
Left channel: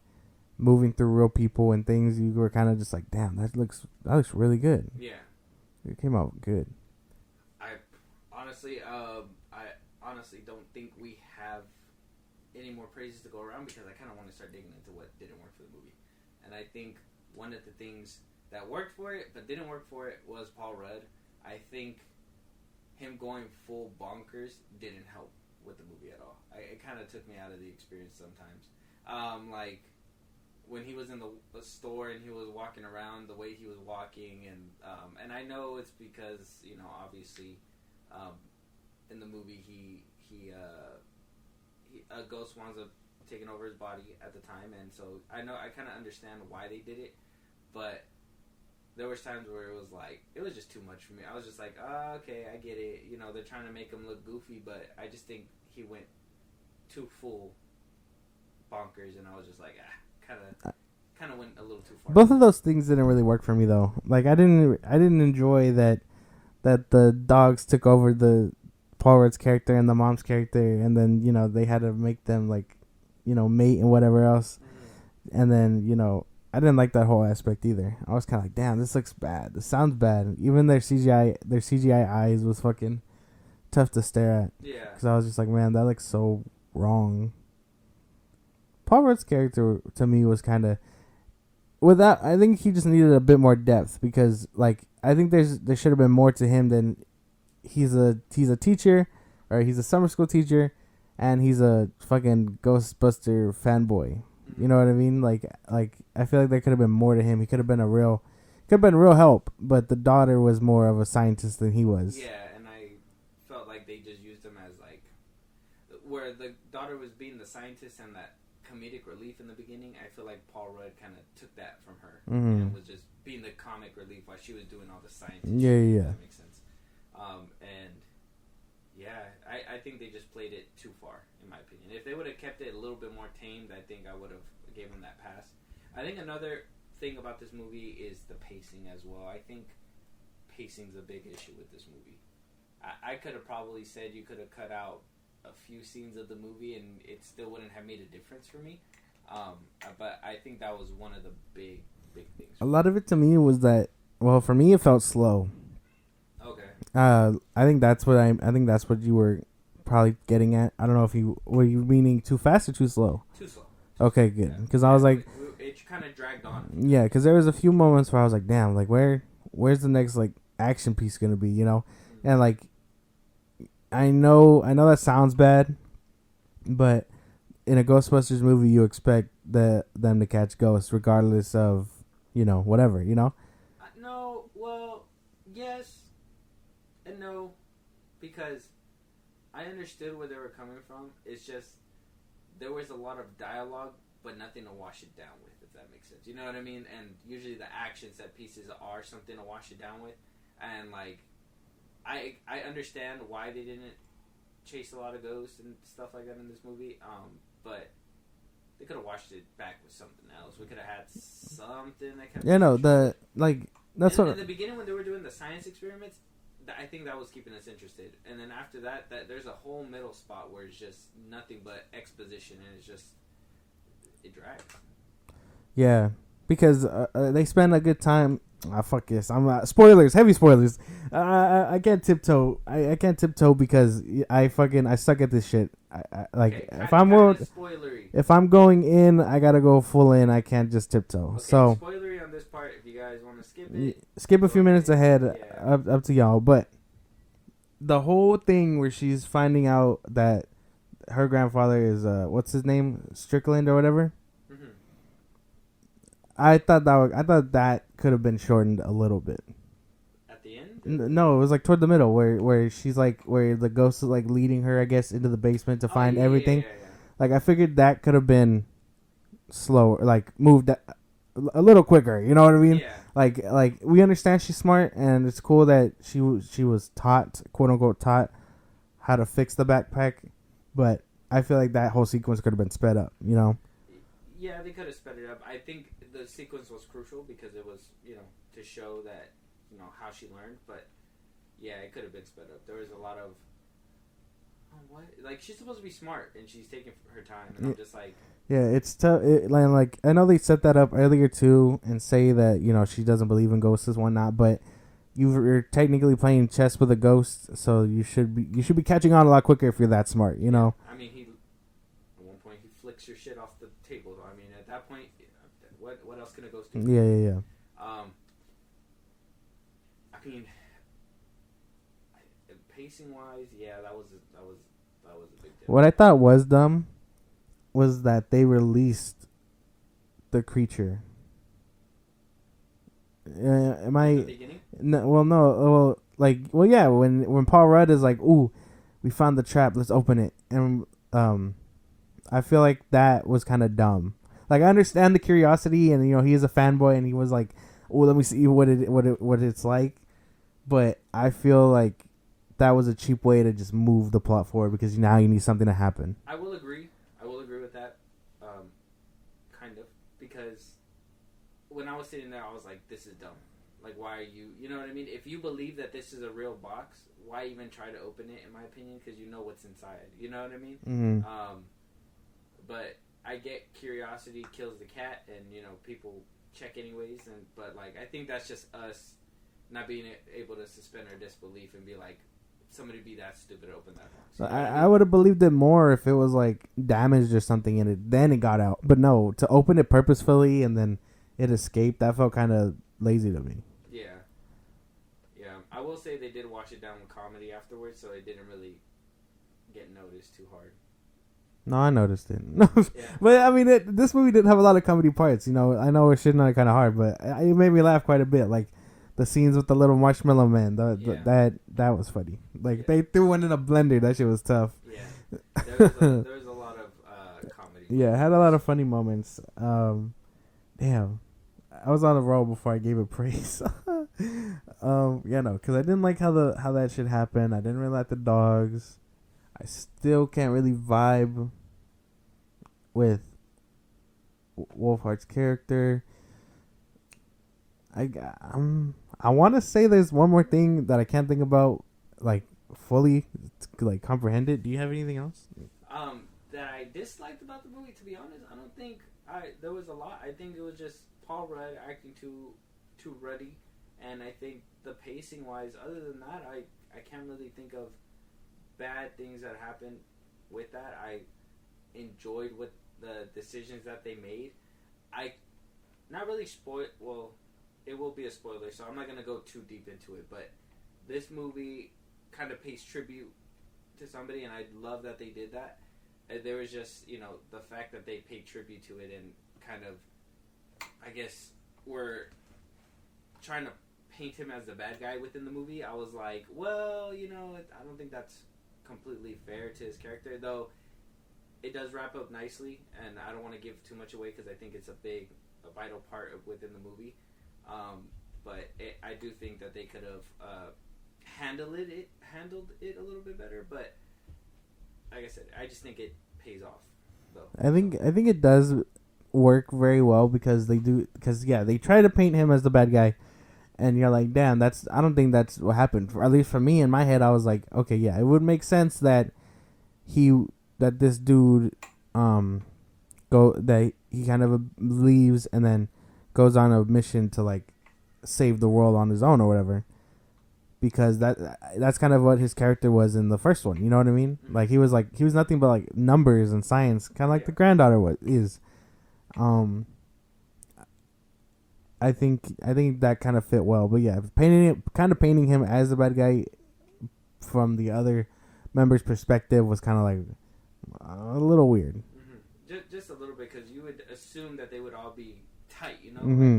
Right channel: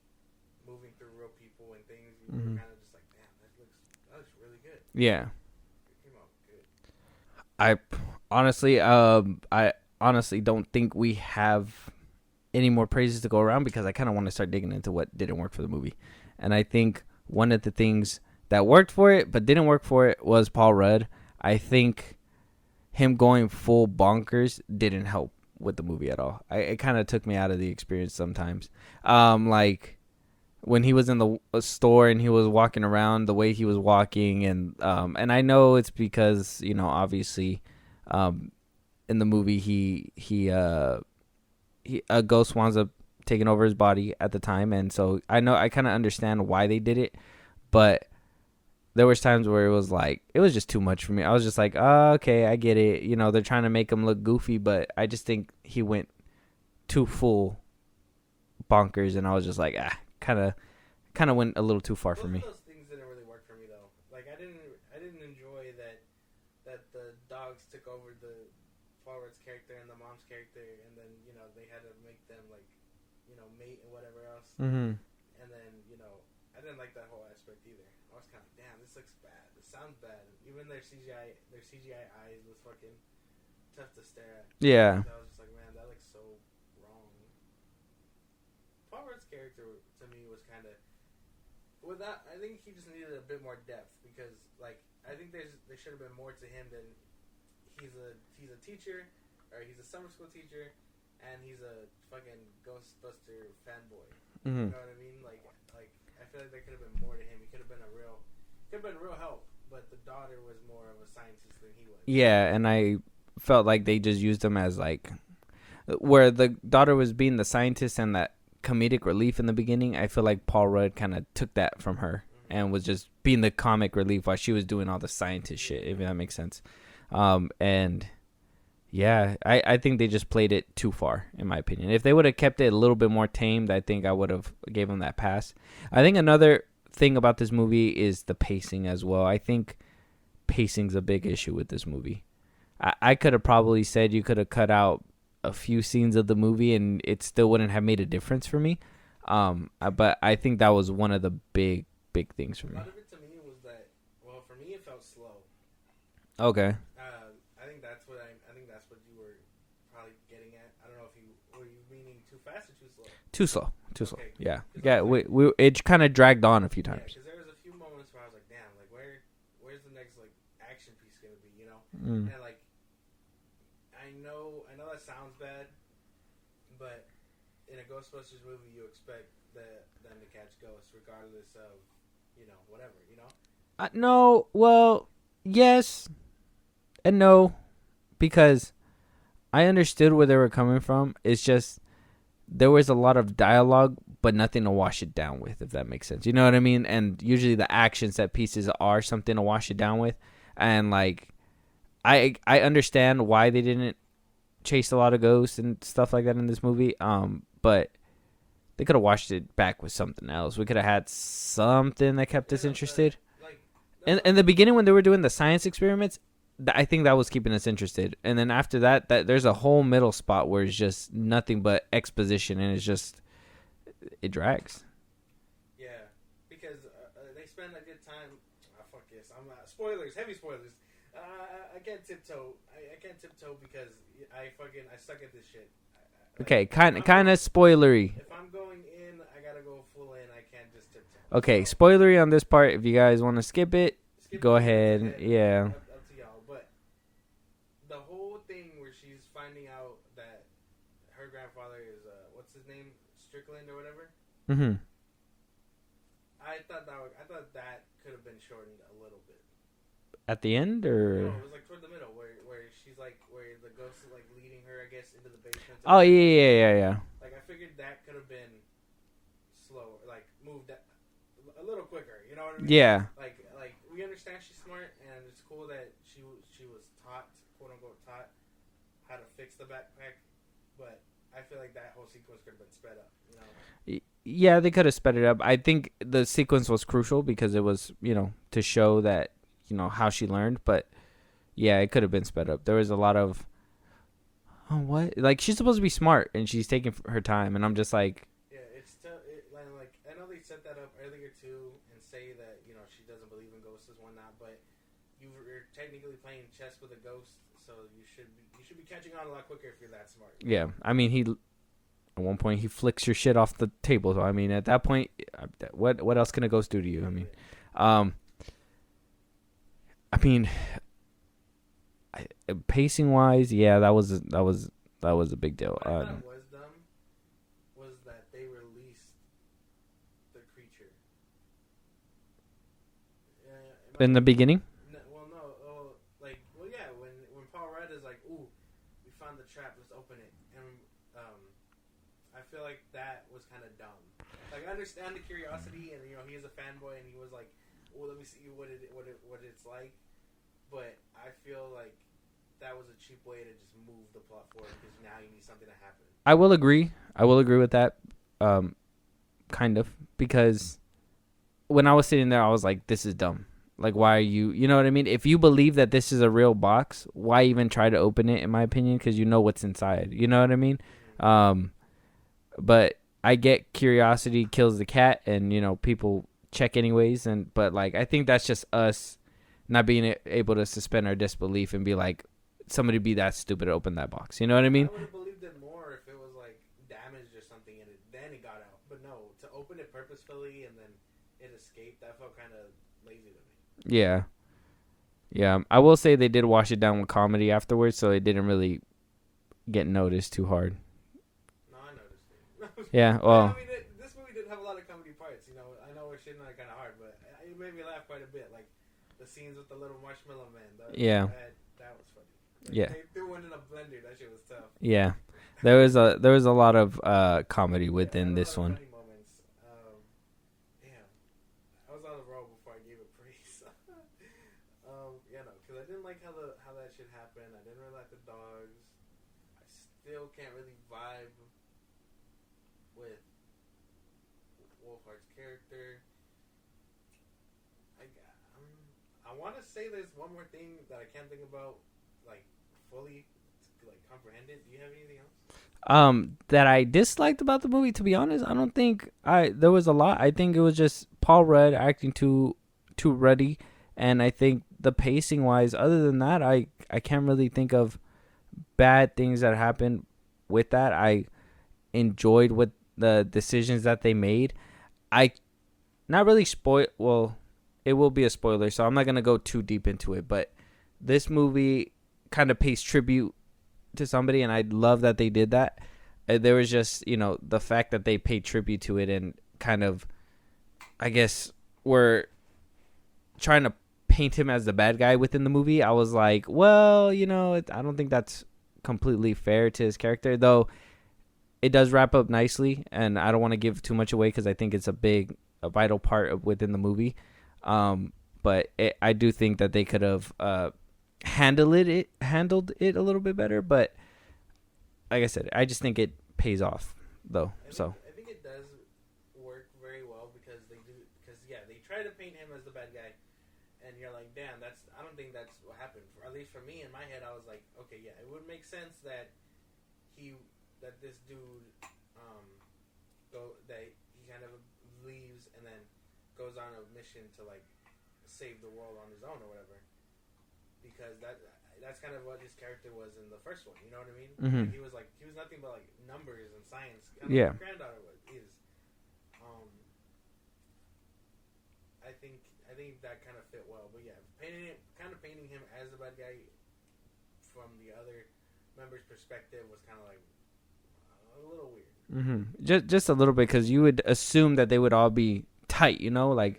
moving through real people and things, you were kind of just like, damn, that looks really good. Yeah. It came out good. I honestly don't think we have any more praises to go around because I kind of want to start digging into what didn't work for the movie. And I think one of the things that worked for it but didn't work for it was Paul Rudd. I think him going full bonkers didn't help with the movie at all. It kind of took me out of the experience sometimes. Like when he was in the store and he was walking around the way he was walking, and I know it's because obviously in the movie a ghost winds up taking over his body at the time, and so I kind of understand why they did it, but there was times where it was just too much for me. I was just like, oh, okay, I get it. They're trying to make him look goofy, but I just think he went too full bonkers, and I was just like, kind of went a little too far. Both of those things didn't really work for me though. Like I didn't enjoy that the dogs took over the Paul Rudd's character and the mom's character, and then they had to make them like mate and whatever else. Mm-hmm. And then I didn't like that whole aspect either. I was kind of like, damn, this looks bad. This sounds bad. Even their CGI eyes was fucking tough to stare at. Yeah. Because I was just like, man, that looks so wrong. Paul Rudd's character to me was kind of without. I think he just needed a bit more depth because, like, I think there should have been more to him than he's a teacher, or he's a summer school teacher, and he's a fucking Ghostbuster fanboy. Mm-hmm. You know what I mean? Like I feel like there could have been more to him. He could have been real help, but the daughter was more of a scientist than he was. Yeah, and I felt like they just used him as like, where the daughter was being the scientist and that comedic relief in the beginning. I feel like Paul Rudd kind of took that from her and was just being the comic relief while she was doing all the scientist shit. If that makes sense. And yeah, I think they just played it too far, in my opinion. If they would have kept it a little bit more tamed, I think I would have gave them that pass. I think another thing about this movie is the pacing as well. I think pacing's a big issue with this movie. I could have probably said you could have cut out a few scenes of the movie and it still wouldn't have made a difference for me. But I think that was one of the big things. A lot of it to me was that, well, for me it felt slow. Okay. I think that's what you were probably getting at. I don't know if you were meaning too fast or too slow. Too slow. Okay, good. Yeah. Because I was like, it kind of dragged on a few times. Yeah, because there was a few moments where I was like, damn, like where's the next like action piece gonna be, you know? And like, I know that sounds bad, but in a Ghostbusters movie, you expect them to catch ghosts regardless of, you know, whatever, you know? No, well, yes and no, because I understood where they were coming from. It's just there was a lot of dialogue, but nothing to wash it down with, if that makes sense. You know what I mean? And usually the action set pieces are something to wash it down with. And like, I understand why they didn't chase a lot of ghosts and stuff like that in this movie. But they could have washed it back with something else. We could have had something that kept us interested. In the beginning when they were doing the science experiments, I think that was keeping us interested. And then after that there's a whole middle spot where it's just nothing but exposition, and it's just, it drags. Yeah, because they spend a good time. Fuck this. I'm spoilers, heavy spoilers. I can't tiptoe. I can't tiptoe because I suck at this shit. Okay, kind of spoilery. If I'm going in, I gotta go full in. I can't just tiptoe. Okay, so, spoilery on this part. If you guys want to skip it, skip a few minutes ahead. Yeah, up to y'all. But the whole thing where she's finding out that her grandfather is what's his name, Strickland or whatever. Mm-hmm. I thought that could have been shortened a little bit. At the end, or no, it was like toward the middle where she's like, where the ghost is like leading her, I guess, into the basement to find everything. Yeah. Like, I figured that could have been slower, like moved a little quicker. You know what I mean? Yeah. Like we understand she's smart, and it's cool that she was taught, quote unquote, taught how to fix the backpack, but I feel like that whole sequence could have been sped up. You know? Yeah, they could have sped it up. I think the sequence was crucial because it was, you know, to show that, you know, how she learned. But yeah, it could have been sped up. There was a lot of, what? Like, she's supposed to be smart and she's taking her time, and I'm just like, yeah, it's tough. Like, I know they set that up earlier too, and say that, you know, she doesn't believe in ghosts and whatnot, but you're technically playing chess with a ghost, so you should be catching on a lot quicker if you're that smart. You know? I mean, at one point, he flicks your shit off the table. So, I mean, at that point, what else can a ghost do to you? Yeah. I mean, pacing wise, yeah, that was a big deal. What I thought was dumb was that they released the creature. In the beginning? No. Yeah. When Paul Rudd is like, "Ooh, we found the trap. Let's open it," and I feel like that was kind of dumb. Like, I understand the curiosity, and, you know, he is a fanboy, and he was like, "Oh, let me see what it's like," but I feel like that was a cheap way to just move the plot forward because now you need something to happen. I will agree with that, kind of, because when I was sitting there, I was like, "This is dumb. Like, why are you? You know what I mean? If you believe that this is a real box, why even try to open it? In my opinion, because you know what's inside. You know what I mean? Mm-hmm. But I get curiosity kills the cat, and, you know, people check anyways. But like, I think that's just us not being able to suspend our disbelief and be like, somebody be that stupid to open that box. You know what I mean? I would have believed it more if it was like damaged or something in it. Then it got out. But no, to open it purposefully and then it escaped, that felt kind of lazy to me. Yeah. Yeah. I will say they did wash it down with comedy afterwards, so it didn't really get noticed too hard. No, I noticed it. Yeah. But Well, I mean, this movie didn't have a lot of comedy parts. You know, I know we're shitting on it kind of hard, but it made me laugh quite a bit. Like the scenes with the little marshmallow man. That was funny. Like they threw one in a blender. That shit was tough. yeah. There was a lot of comedy with it. Yeah, it had a lot of funny moments. Damn. I was on a roll before I gave it praise. Yeah, no, because I didn't like how that shit happened. I didn't really like the dogs. I still can't really vibe with Wolfhard's character. I want to say there's one more thing that I can't think about, like fully, like comprehend it. Do you have anything else? That I disliked about the movie, to be honest, I don't think there was a lot. I think it was just Paul Rudd acting too ruddy, and I think the pacing wise, other than that, I can't really think of bad things that happened with that. I enjoyed what the decisions that they made. I not really well, it will be a spoiler, so I'm not gonna go too deep into it, but this movie kind of pays tribute to somebody, and I love that they did that. There was just, you know, the fact that they paid tribute to it and kind of, I guess, were trying to paint him as the bad guy within the movie. I was like, well, you know, I don't think that's completely fair to his character, though it does wrap up nicely, and I don't want to give too much away because I think it's a vital part within the movie. But I do think that they could have handled it a little bit better, but like I said, I just think it pays off though. I think it does work very well because they try to paint him as the bad guy, and you're like, damn, I don't think that's what happened. At least for me, in my head, I was like, okay, yeah, it would make sense that this dude he kind of leaves and then goes on a mission to like save the world on his own or whatever, because that's kind of what his character was in the first one. You know what I mean? Mm-hmm. Like he was nothing but like numbers and science, kind of like the granddaughter is. I think that kind of fit well, but yeah, painting him as the bad guy from the other members' perspective was kind of like a little weird. Mm-hmm. Just a little bit, because you would assume that they would all be tight, you know, Mm-hmm. like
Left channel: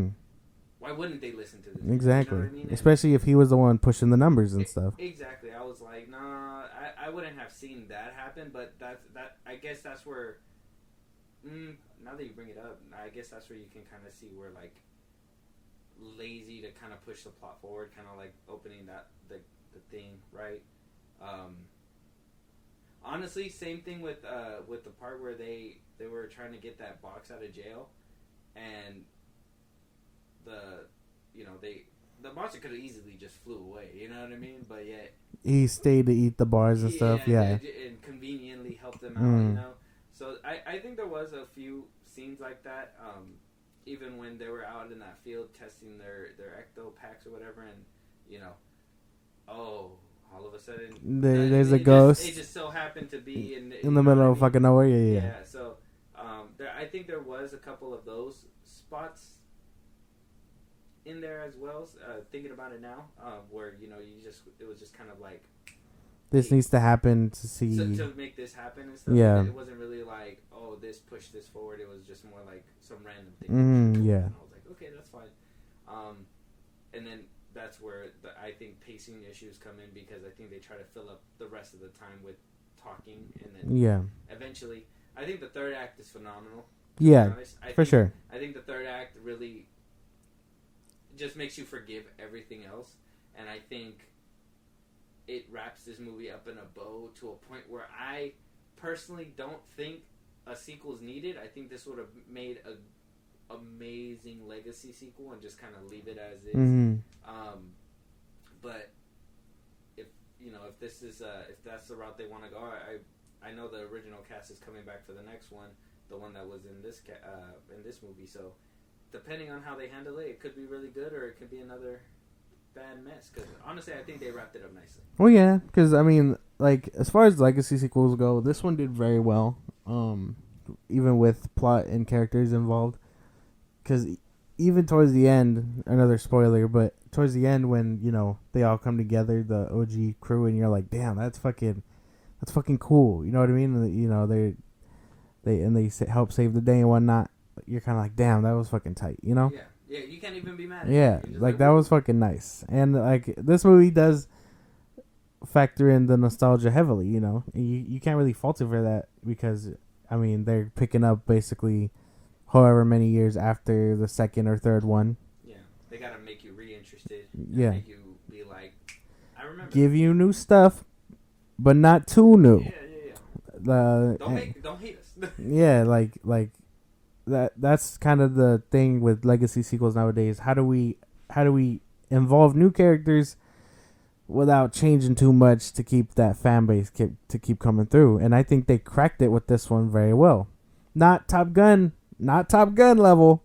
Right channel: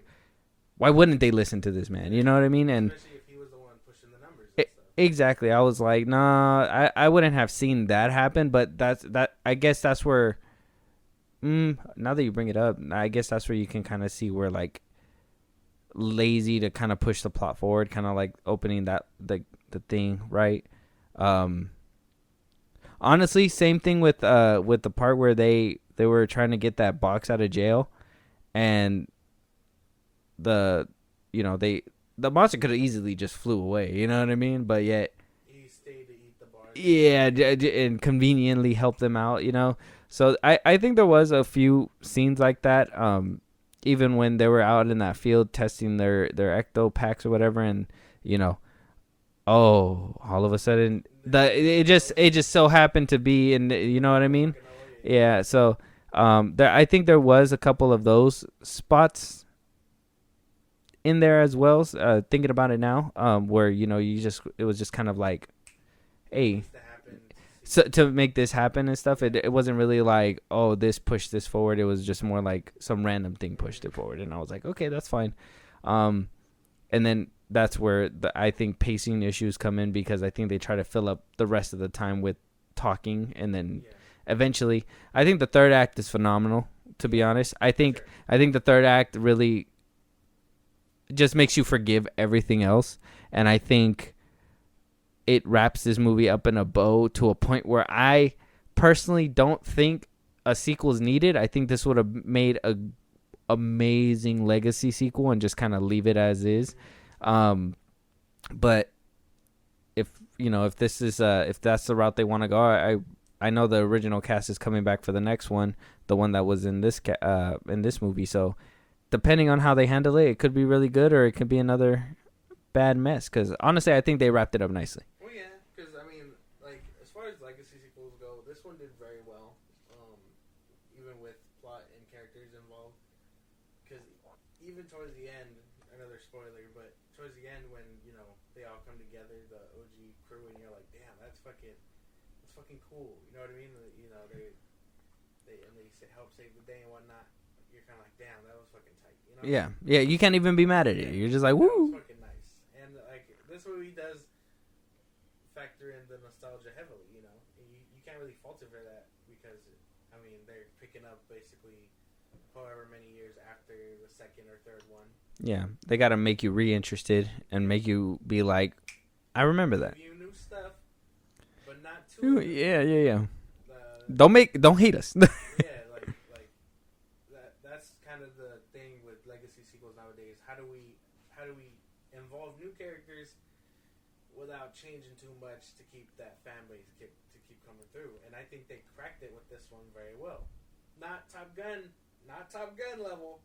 why wouldn't they listen to this man? Exactly. You know what I mean? And especially if he was the one pushing the numbers and stuff. Exactly. I was like, nah, I wouldn't have seen that happen, but I guess that's where. Now that you bring it up, I guess that's where you can kind of see where like lazy to kind of push the plot forward, kind of like opening that the thing, right? Honestly, same thing with the part where they were trying to get that box out of jail, and the monster could have easily just flew away, you know what I mean? But yet he stayed to eat the bars and stuff. Yeah, and conveniently helped them out, you know? So I think there was a few scenes like that, even when they were out in that field testing their ecto packs or whatever, and, you know, all of a sudden it just so happened to be in you know what I mean? Fucking nowhere. Yeah. So I think there was a couple of those spots in there as well. Thinking about it now, where, you know, it was just kind of like, this needs to happen to make this happen and stuff. Yeah. It wasn't really like, oh, this pushed this forward. It was just more like some random thing pushed it forward, and I was like, okay, that's fine. And then that's where I think pacing issues come in, because I think they try to fill up the rest of the time with talking, and then eventually, I think the third act is phenomenal. To be honest, I think the third act really just makes you forgive everything else, and I think it wraps this movie up in a bow to a point where I personally don't think a sequel is needed. I think this would have made a amazing legacy sequel and just kind of leave it as is. But if this is if that's the route they want to go, I know the original cast is coming back for the next one, the one that was in this movie. So depending on how they handle it, it could be really good, or it could be another bad mess. Because honestly, I think they wrapped it up nicely. Well, yeah, because I mean, like as far as legacy sequels go, this one did very well. Even with plot and characters involved, because even towards the end, another spoiler, but towards the end when they all come together, the OG crew, and you're like, damn, that's fucking cool. You know what I mean? And, they help save the day and whatnot. You're kind of like, damn, that was fucking tight. Yeah, you can't even be mad at it. You're just like that woo. was fucking nice. And like this movie does factor in the nostalgia heavily. You can't really fault it for that because I mean they're picking up basically however many years after the second or third one. Yeah, they got to make you reinterested and make you be like, I remember Give that. you new stuff, but not too new. Yeah. Don't hate us. Yeah, like that's kind of the thing with legacy sequels nowadays. How do we involve new characters without changing too much to keep that fan base keep coming through? And I think they cracked it with this one very well. Not Top Gun level,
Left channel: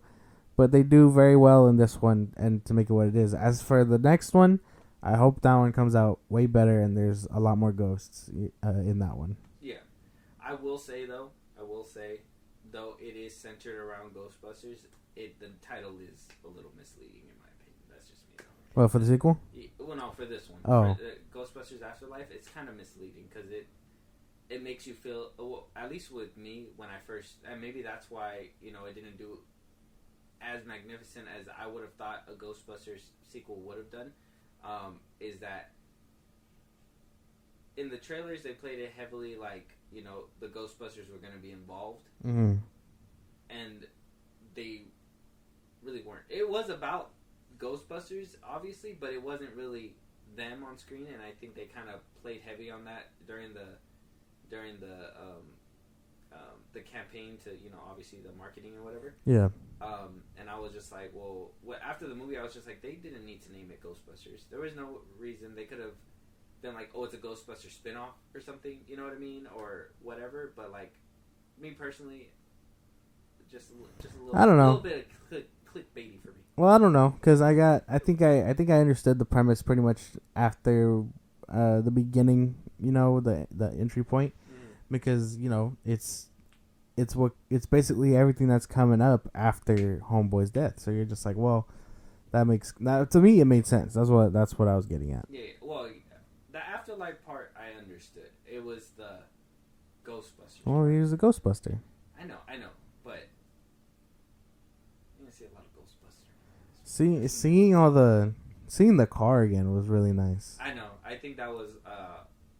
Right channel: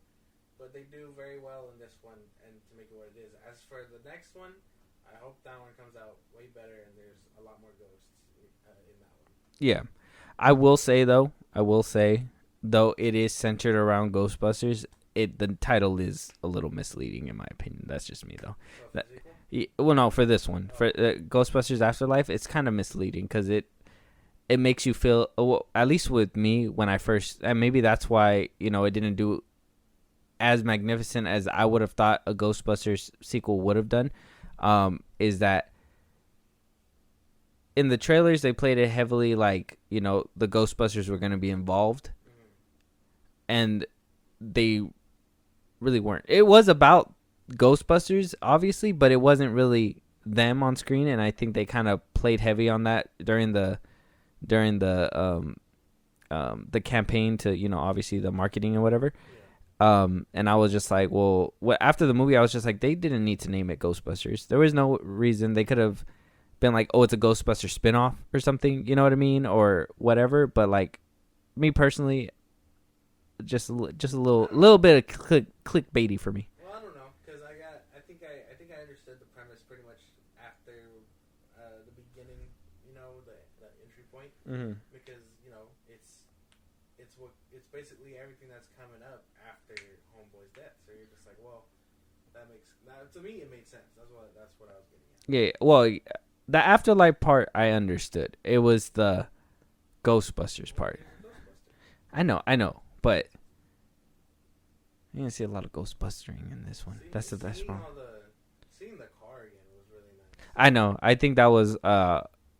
but they do very well in this one and to make it what it is. As for the next one, I hope that one comes out way better and there's a lot more ghosts in that one. Yeah. I will say, though it is centered around Ghostbusters, the title is a little misleading in my opinion. That's just me, though. Well, for the sequel? Well, no, for this one. Oh. For Ghostbusters Afterlife, it's kind of misleading because it makes you feel, well, at least with me, when I first, and maybe that's why, it didn't do as magnificent as I would have thought a Ghostbusters sequel would have done, is that in the trailers, they played it heavily like, the Ghostbusters were going to be involved. Mm-hmm. And they really weren't. It was about Ghostbusters, obviously, but it wasn't really them on screen. And I think they kind of played heavy on that during the campaign to, obviously the marketing and whatever. Yeah. And I was just like, well, after the movie, I was just like, they didn't need to name it Ghostbusters. There was no reason. They could have been like, oh, it's a Ghostbuster spinoff or something, you know what I mean, or whatever. But like, me personally, just a little bit of clickbaity for me. Well, I don't know, because I think I understood the premise pretty much after the beginning, the entry point, because it's basically everything that's coming up after Homeboy's death. So you're just like, well, to me it made sense. That's what I was getting at. Yeah, well, the Afterlife part I understood. It was the Ghostbusters part. He was a Ghostbuster. I know, but you didn't see a lot of Ghostbustering in this one. Seeing the car again was really nice. I know. I think that was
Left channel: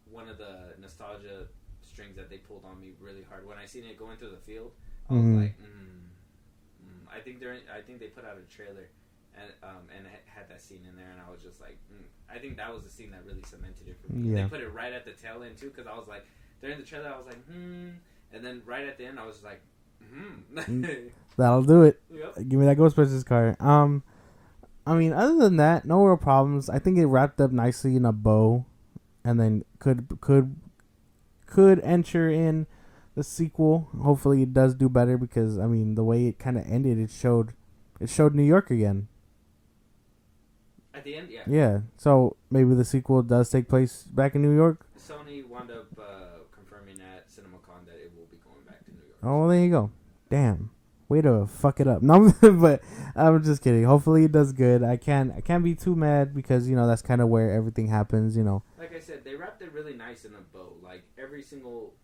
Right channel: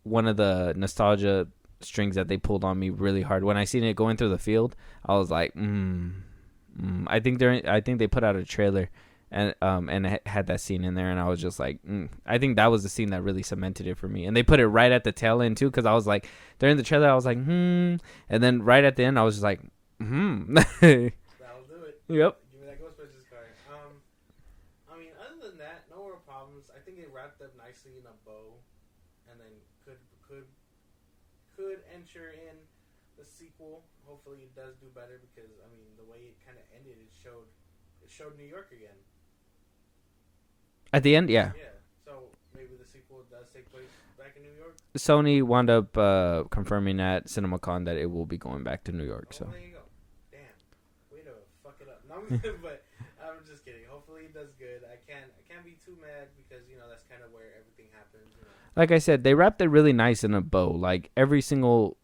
one of the nostalgia strings that they pulled on me really hard. When I seen it going through the field, I was like, I think they put out a trailer and it had that scene in there, and I was just like, I think that was the scene that really cemented it for me. And they put it right at the tail end too, because I was like, during the trailer I was like, and then right at the end I was just like, That'll do it. Yep. Give me that Ghostbusters car. I mean, other than that, no real problems. I think it wrapped up nicely in a bow, and then could enter in the sequel. Hopefully, it does do better because I mean, the way it kind of ended, it showed New York again. At the end, yeah. Yeah. So maybe the sequel does take place back in New York. Sony wound up confirming at CinemaCon that it will be going back to New York. Oh, there you go. Damn. Way to fuck it up. No, but I'm just kidding. Hopefully it does good. I can't be too mad because, that's kind of where everything happens, Like I said, they wrapped it really nice in a bow. Like every single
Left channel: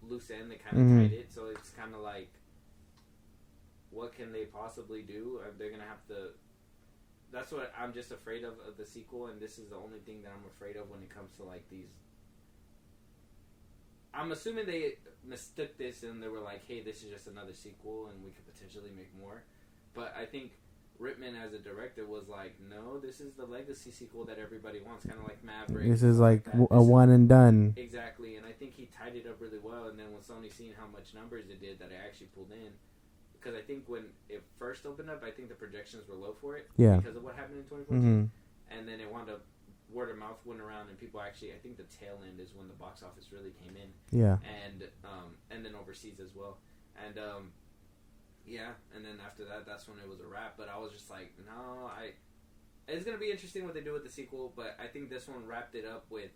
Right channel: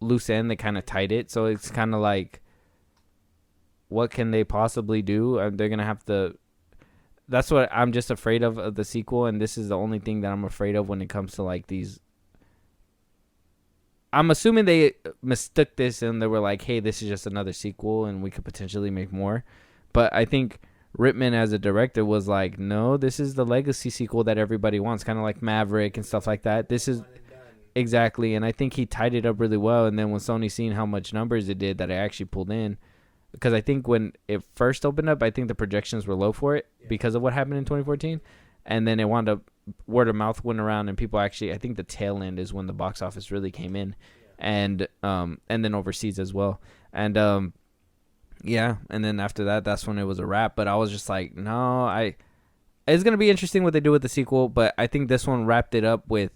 loose end, they kind of tied it. So it's kind of like, what can they possibly do? They're going to have to... That's what I'm just afraid of the sequel. And this is the only thing that I'm afraid of when it comes to like these... I'm assuming they mistook this and they were like, hey, this is just another sequel and we could potentially make more. But I think Rittman as a director was like, no, this is the legacy sequel that everybody wants, kind of like Maverick this and stuff like that. This is one and done. Exactly. And I think he tied it up really well. And then when Sony seen how much numbers it did, that it actually pulled in. Because I think when it first opened up, I think the projections were low for it because of what happened in 2014. And then it wound up, word of mouth went around, and people actually, I think the tail end is when the box office really came in. Yeah. And then overseas as well. And and then after that, that's when it was a wrap. But I was just like, no, it's gonna be interesting what they do with the sequel, but I think this one wrapped it up with,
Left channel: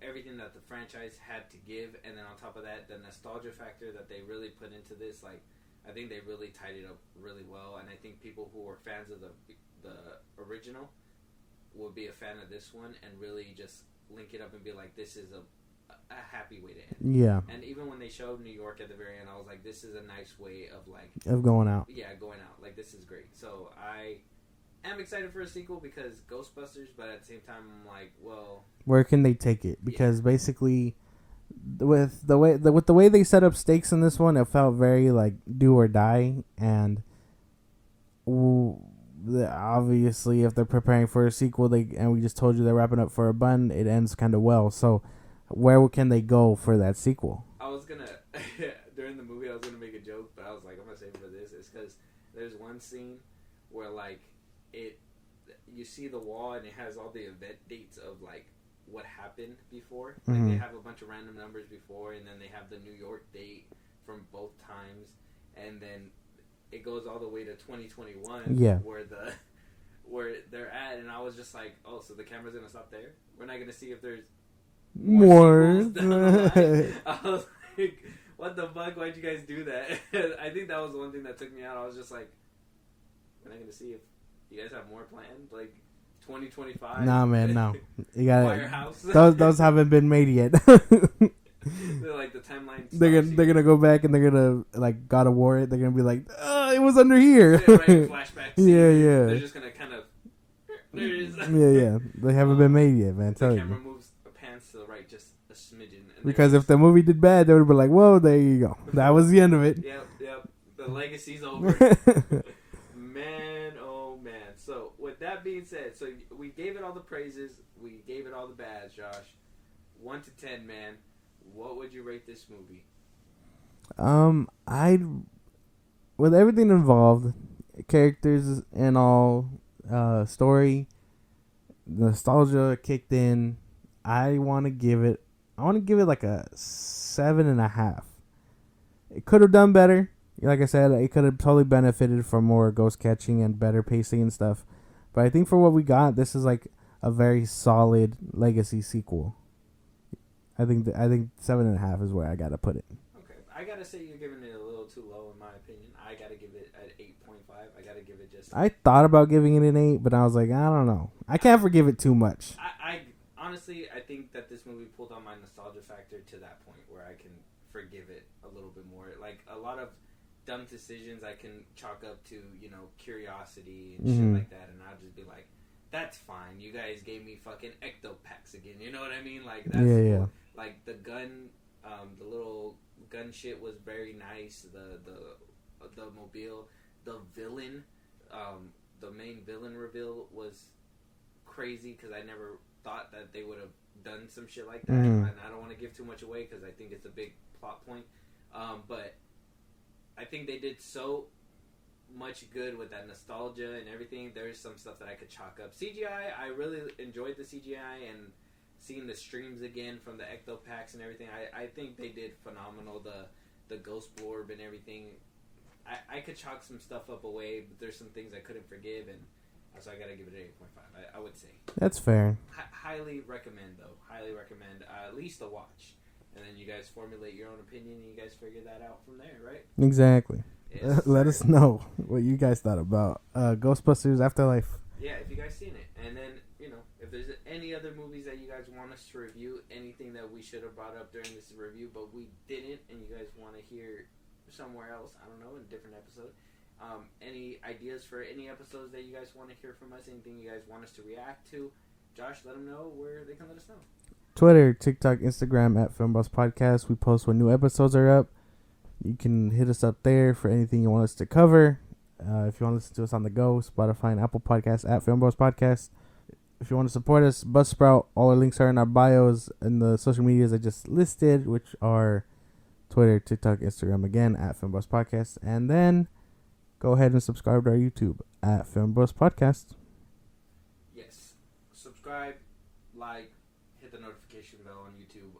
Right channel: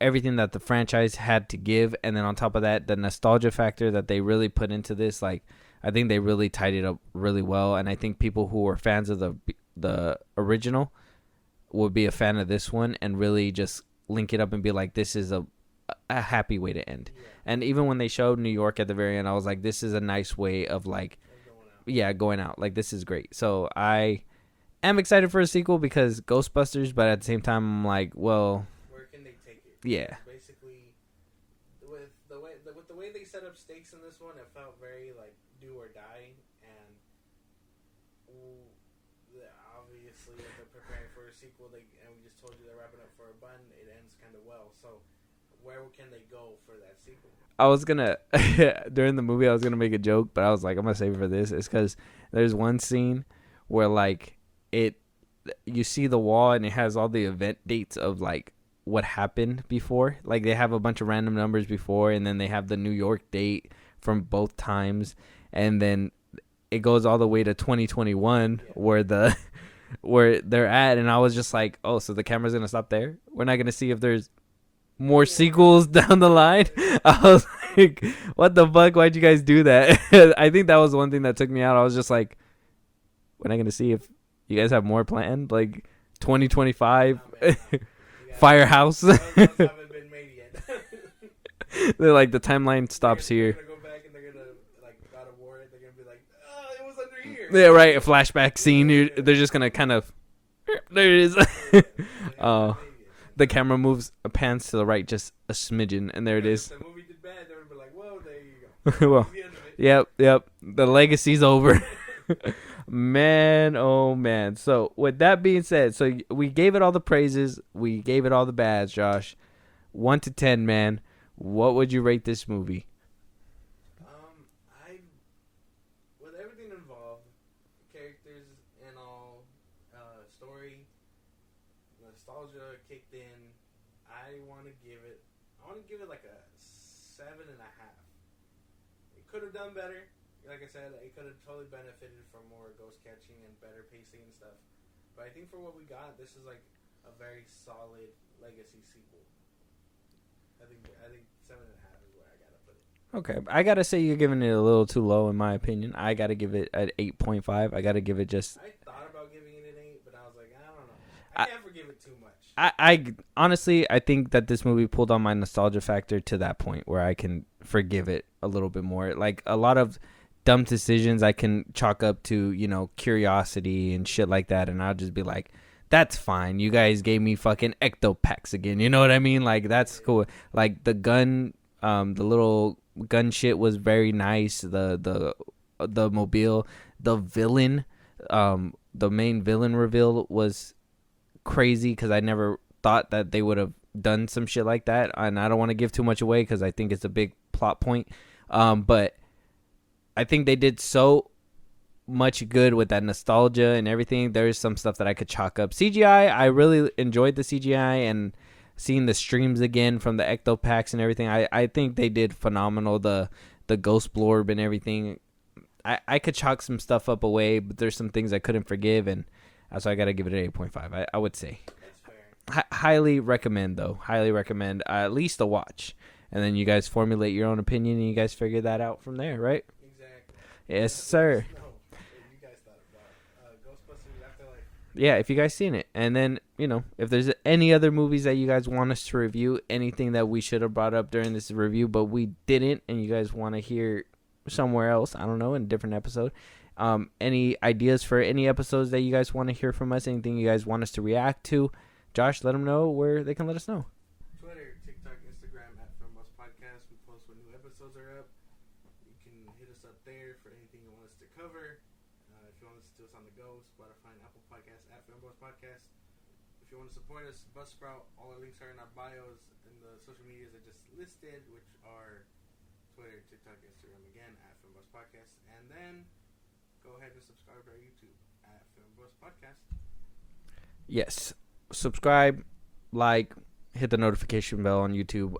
everything that the franchise had to give, and then on top of that, the nostalgia factor that they really put into this. Like, I think they really tied it up really well, and I think people who are fans of the original would be a fan of this one and really just link it up and be like, this is a happy way to end. Yeah. And even when they showed New York at the very end, I was like, this is a nice way of going out. Yeah, going out. Like, this is great. So I am excited for a sequel because Ghostbusters, but at the same time, I'm like, well, where can they take it? Because yeah. Basically, with the way they set up stakes in this one, it felt very like do or die, and obviously, if they're preparing for a sequel, and we just told you they're wrapping up for a bun, it ends kind of well. So, where can they go for that sequel? I was gonna during the movie, I was gonna make a joke, but I was like, I'm gonna save it for this. It's because there's one scene where like you see the wall and it has all the event dates of like what happened before. Like they have a bunch of random numbers before, and then they have the New York date from both times, and then it goes all the way to 2021 where they're at. And I was just like, oh, so the camera's gonna stop there? We're not gonna see if there's more sequels down the line? I was like, what the fuck? Why'd you guys do that? I think that was one thing that took me out. I was just like, we're not gonna see if you guys have more planned, like 2025. Nah, man, no. You gotta, Firehouse. those haven't been made yet. They're like, the timeline stops here. They're gonna go back and they're gonna like God of War it. They're gonna be like, it was under here. Yeah, right. A flashback scene. Yeah. They're just gonna kind of. There it is. Yeah. They haven't been made yet, man. The camera moves pans to the right just a smidgen, and there because it is. If the movie did bad, they would have been like, whoa, there you go. That was the end of it. Yep. The legacy's over. Man, oh man. So with that being said, so we gave it all the praises, we gave it all the bads, Josh. 1 to 10, man. What would you rate this movie? I'd with everything involved, characters and all, story, nostalgia kicked in. I want to give it like a 7.5. It could have done better. Like I said, it could have totally benefited from more ghost catching and better pacing and stuff. But I think for what we got, this is like a very solid legacy sequel. I think 7.5 is where I gotta put it. Okay, I gotta say you're giving it a little too low in my opinion. I gotta give it an 8.5. I gotta give it just. I thought about giving it an 8, but I was like, I don't know. I can't forgive it too much. I honestly, I think that this movie pulled on my nostalgia factor to that point where I can forgive it a little bit more. Like a lot of dumb decisions I can chalk up to, curiosity and shit like that, and I'll just be like, that's fine. You guys gave me fucking ectopacks again. You know what I mean? Like, that's cool. Yeah. Like, the gun, the little gun shit was very nice. The mobile, the villain, the main villain reveal was crazy because I never thought that they would have done some shit like that. And I don't want to give too much away because I think it's a big plot point. But I think they did so much good with that nostalgia and everything. There's some stuff that I could chalk up. CGI, I really enjoyed the CGI and seeing the streams again from the ectopacks and everything. I think they did phenomenal. The ghost blorb and everything. I could chalk some stuff up away, but there's some things I couldn't forgive, and so I gotta give it an 8.5. I would say that's fair. Highly recommend though. Highly recommend at least a watch. And then you guys formulate your own opinion, and you guys figure that out from there, right? Exactly. Yes, sir. Let us know what you guys thought about Ghostbusters Afterlife. Yeah, if you guys seen it. And then, if there's any other movies that you guys want us to review, anything that we should have brought up during this review, but we didn't, and you guys want to hear somewhere else, I don't know, in a different episode. Any ideas for any episodes that you guys want to hear from us, anything you guys want us to react to, Josh, let them know where they can let us know. Twitter, TikTok, Instagram at FIlmBros Podcast. We post when new episodes are up. You can hit us up there for anything you want us to cover. If you want to listen to us on the go, Spotify and Apple Podcasts at FIlmBros Podcast. If you want to support us, Buzzsprout. All our links are in our bios and the social medias I just listed, which are Twitter, TikTok, Instagram, again at FIlmBros Podcast. And then go ahead and subscribe to our YouTube at FIlmBros Podcast. Yes. Subscribe, like, hit the notification bell on YouTube.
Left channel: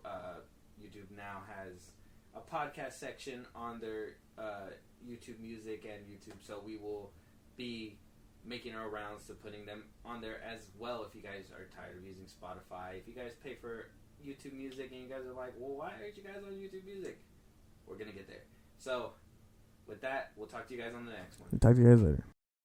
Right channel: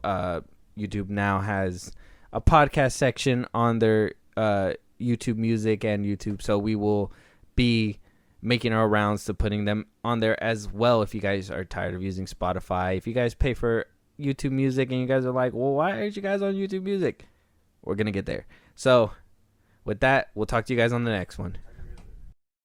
YouTube now has a podcast section on their YouTube Music and YouTube, so we will be making our rounds to putting them on there as well. If you guys are tired of using Spotify, if you guys pay for YouTube Music and you guys are like, well, why aren't you guys on YouTube Music? We're going to get there. So with that, we'll talk to you guys on the next one. Talk to you guys later.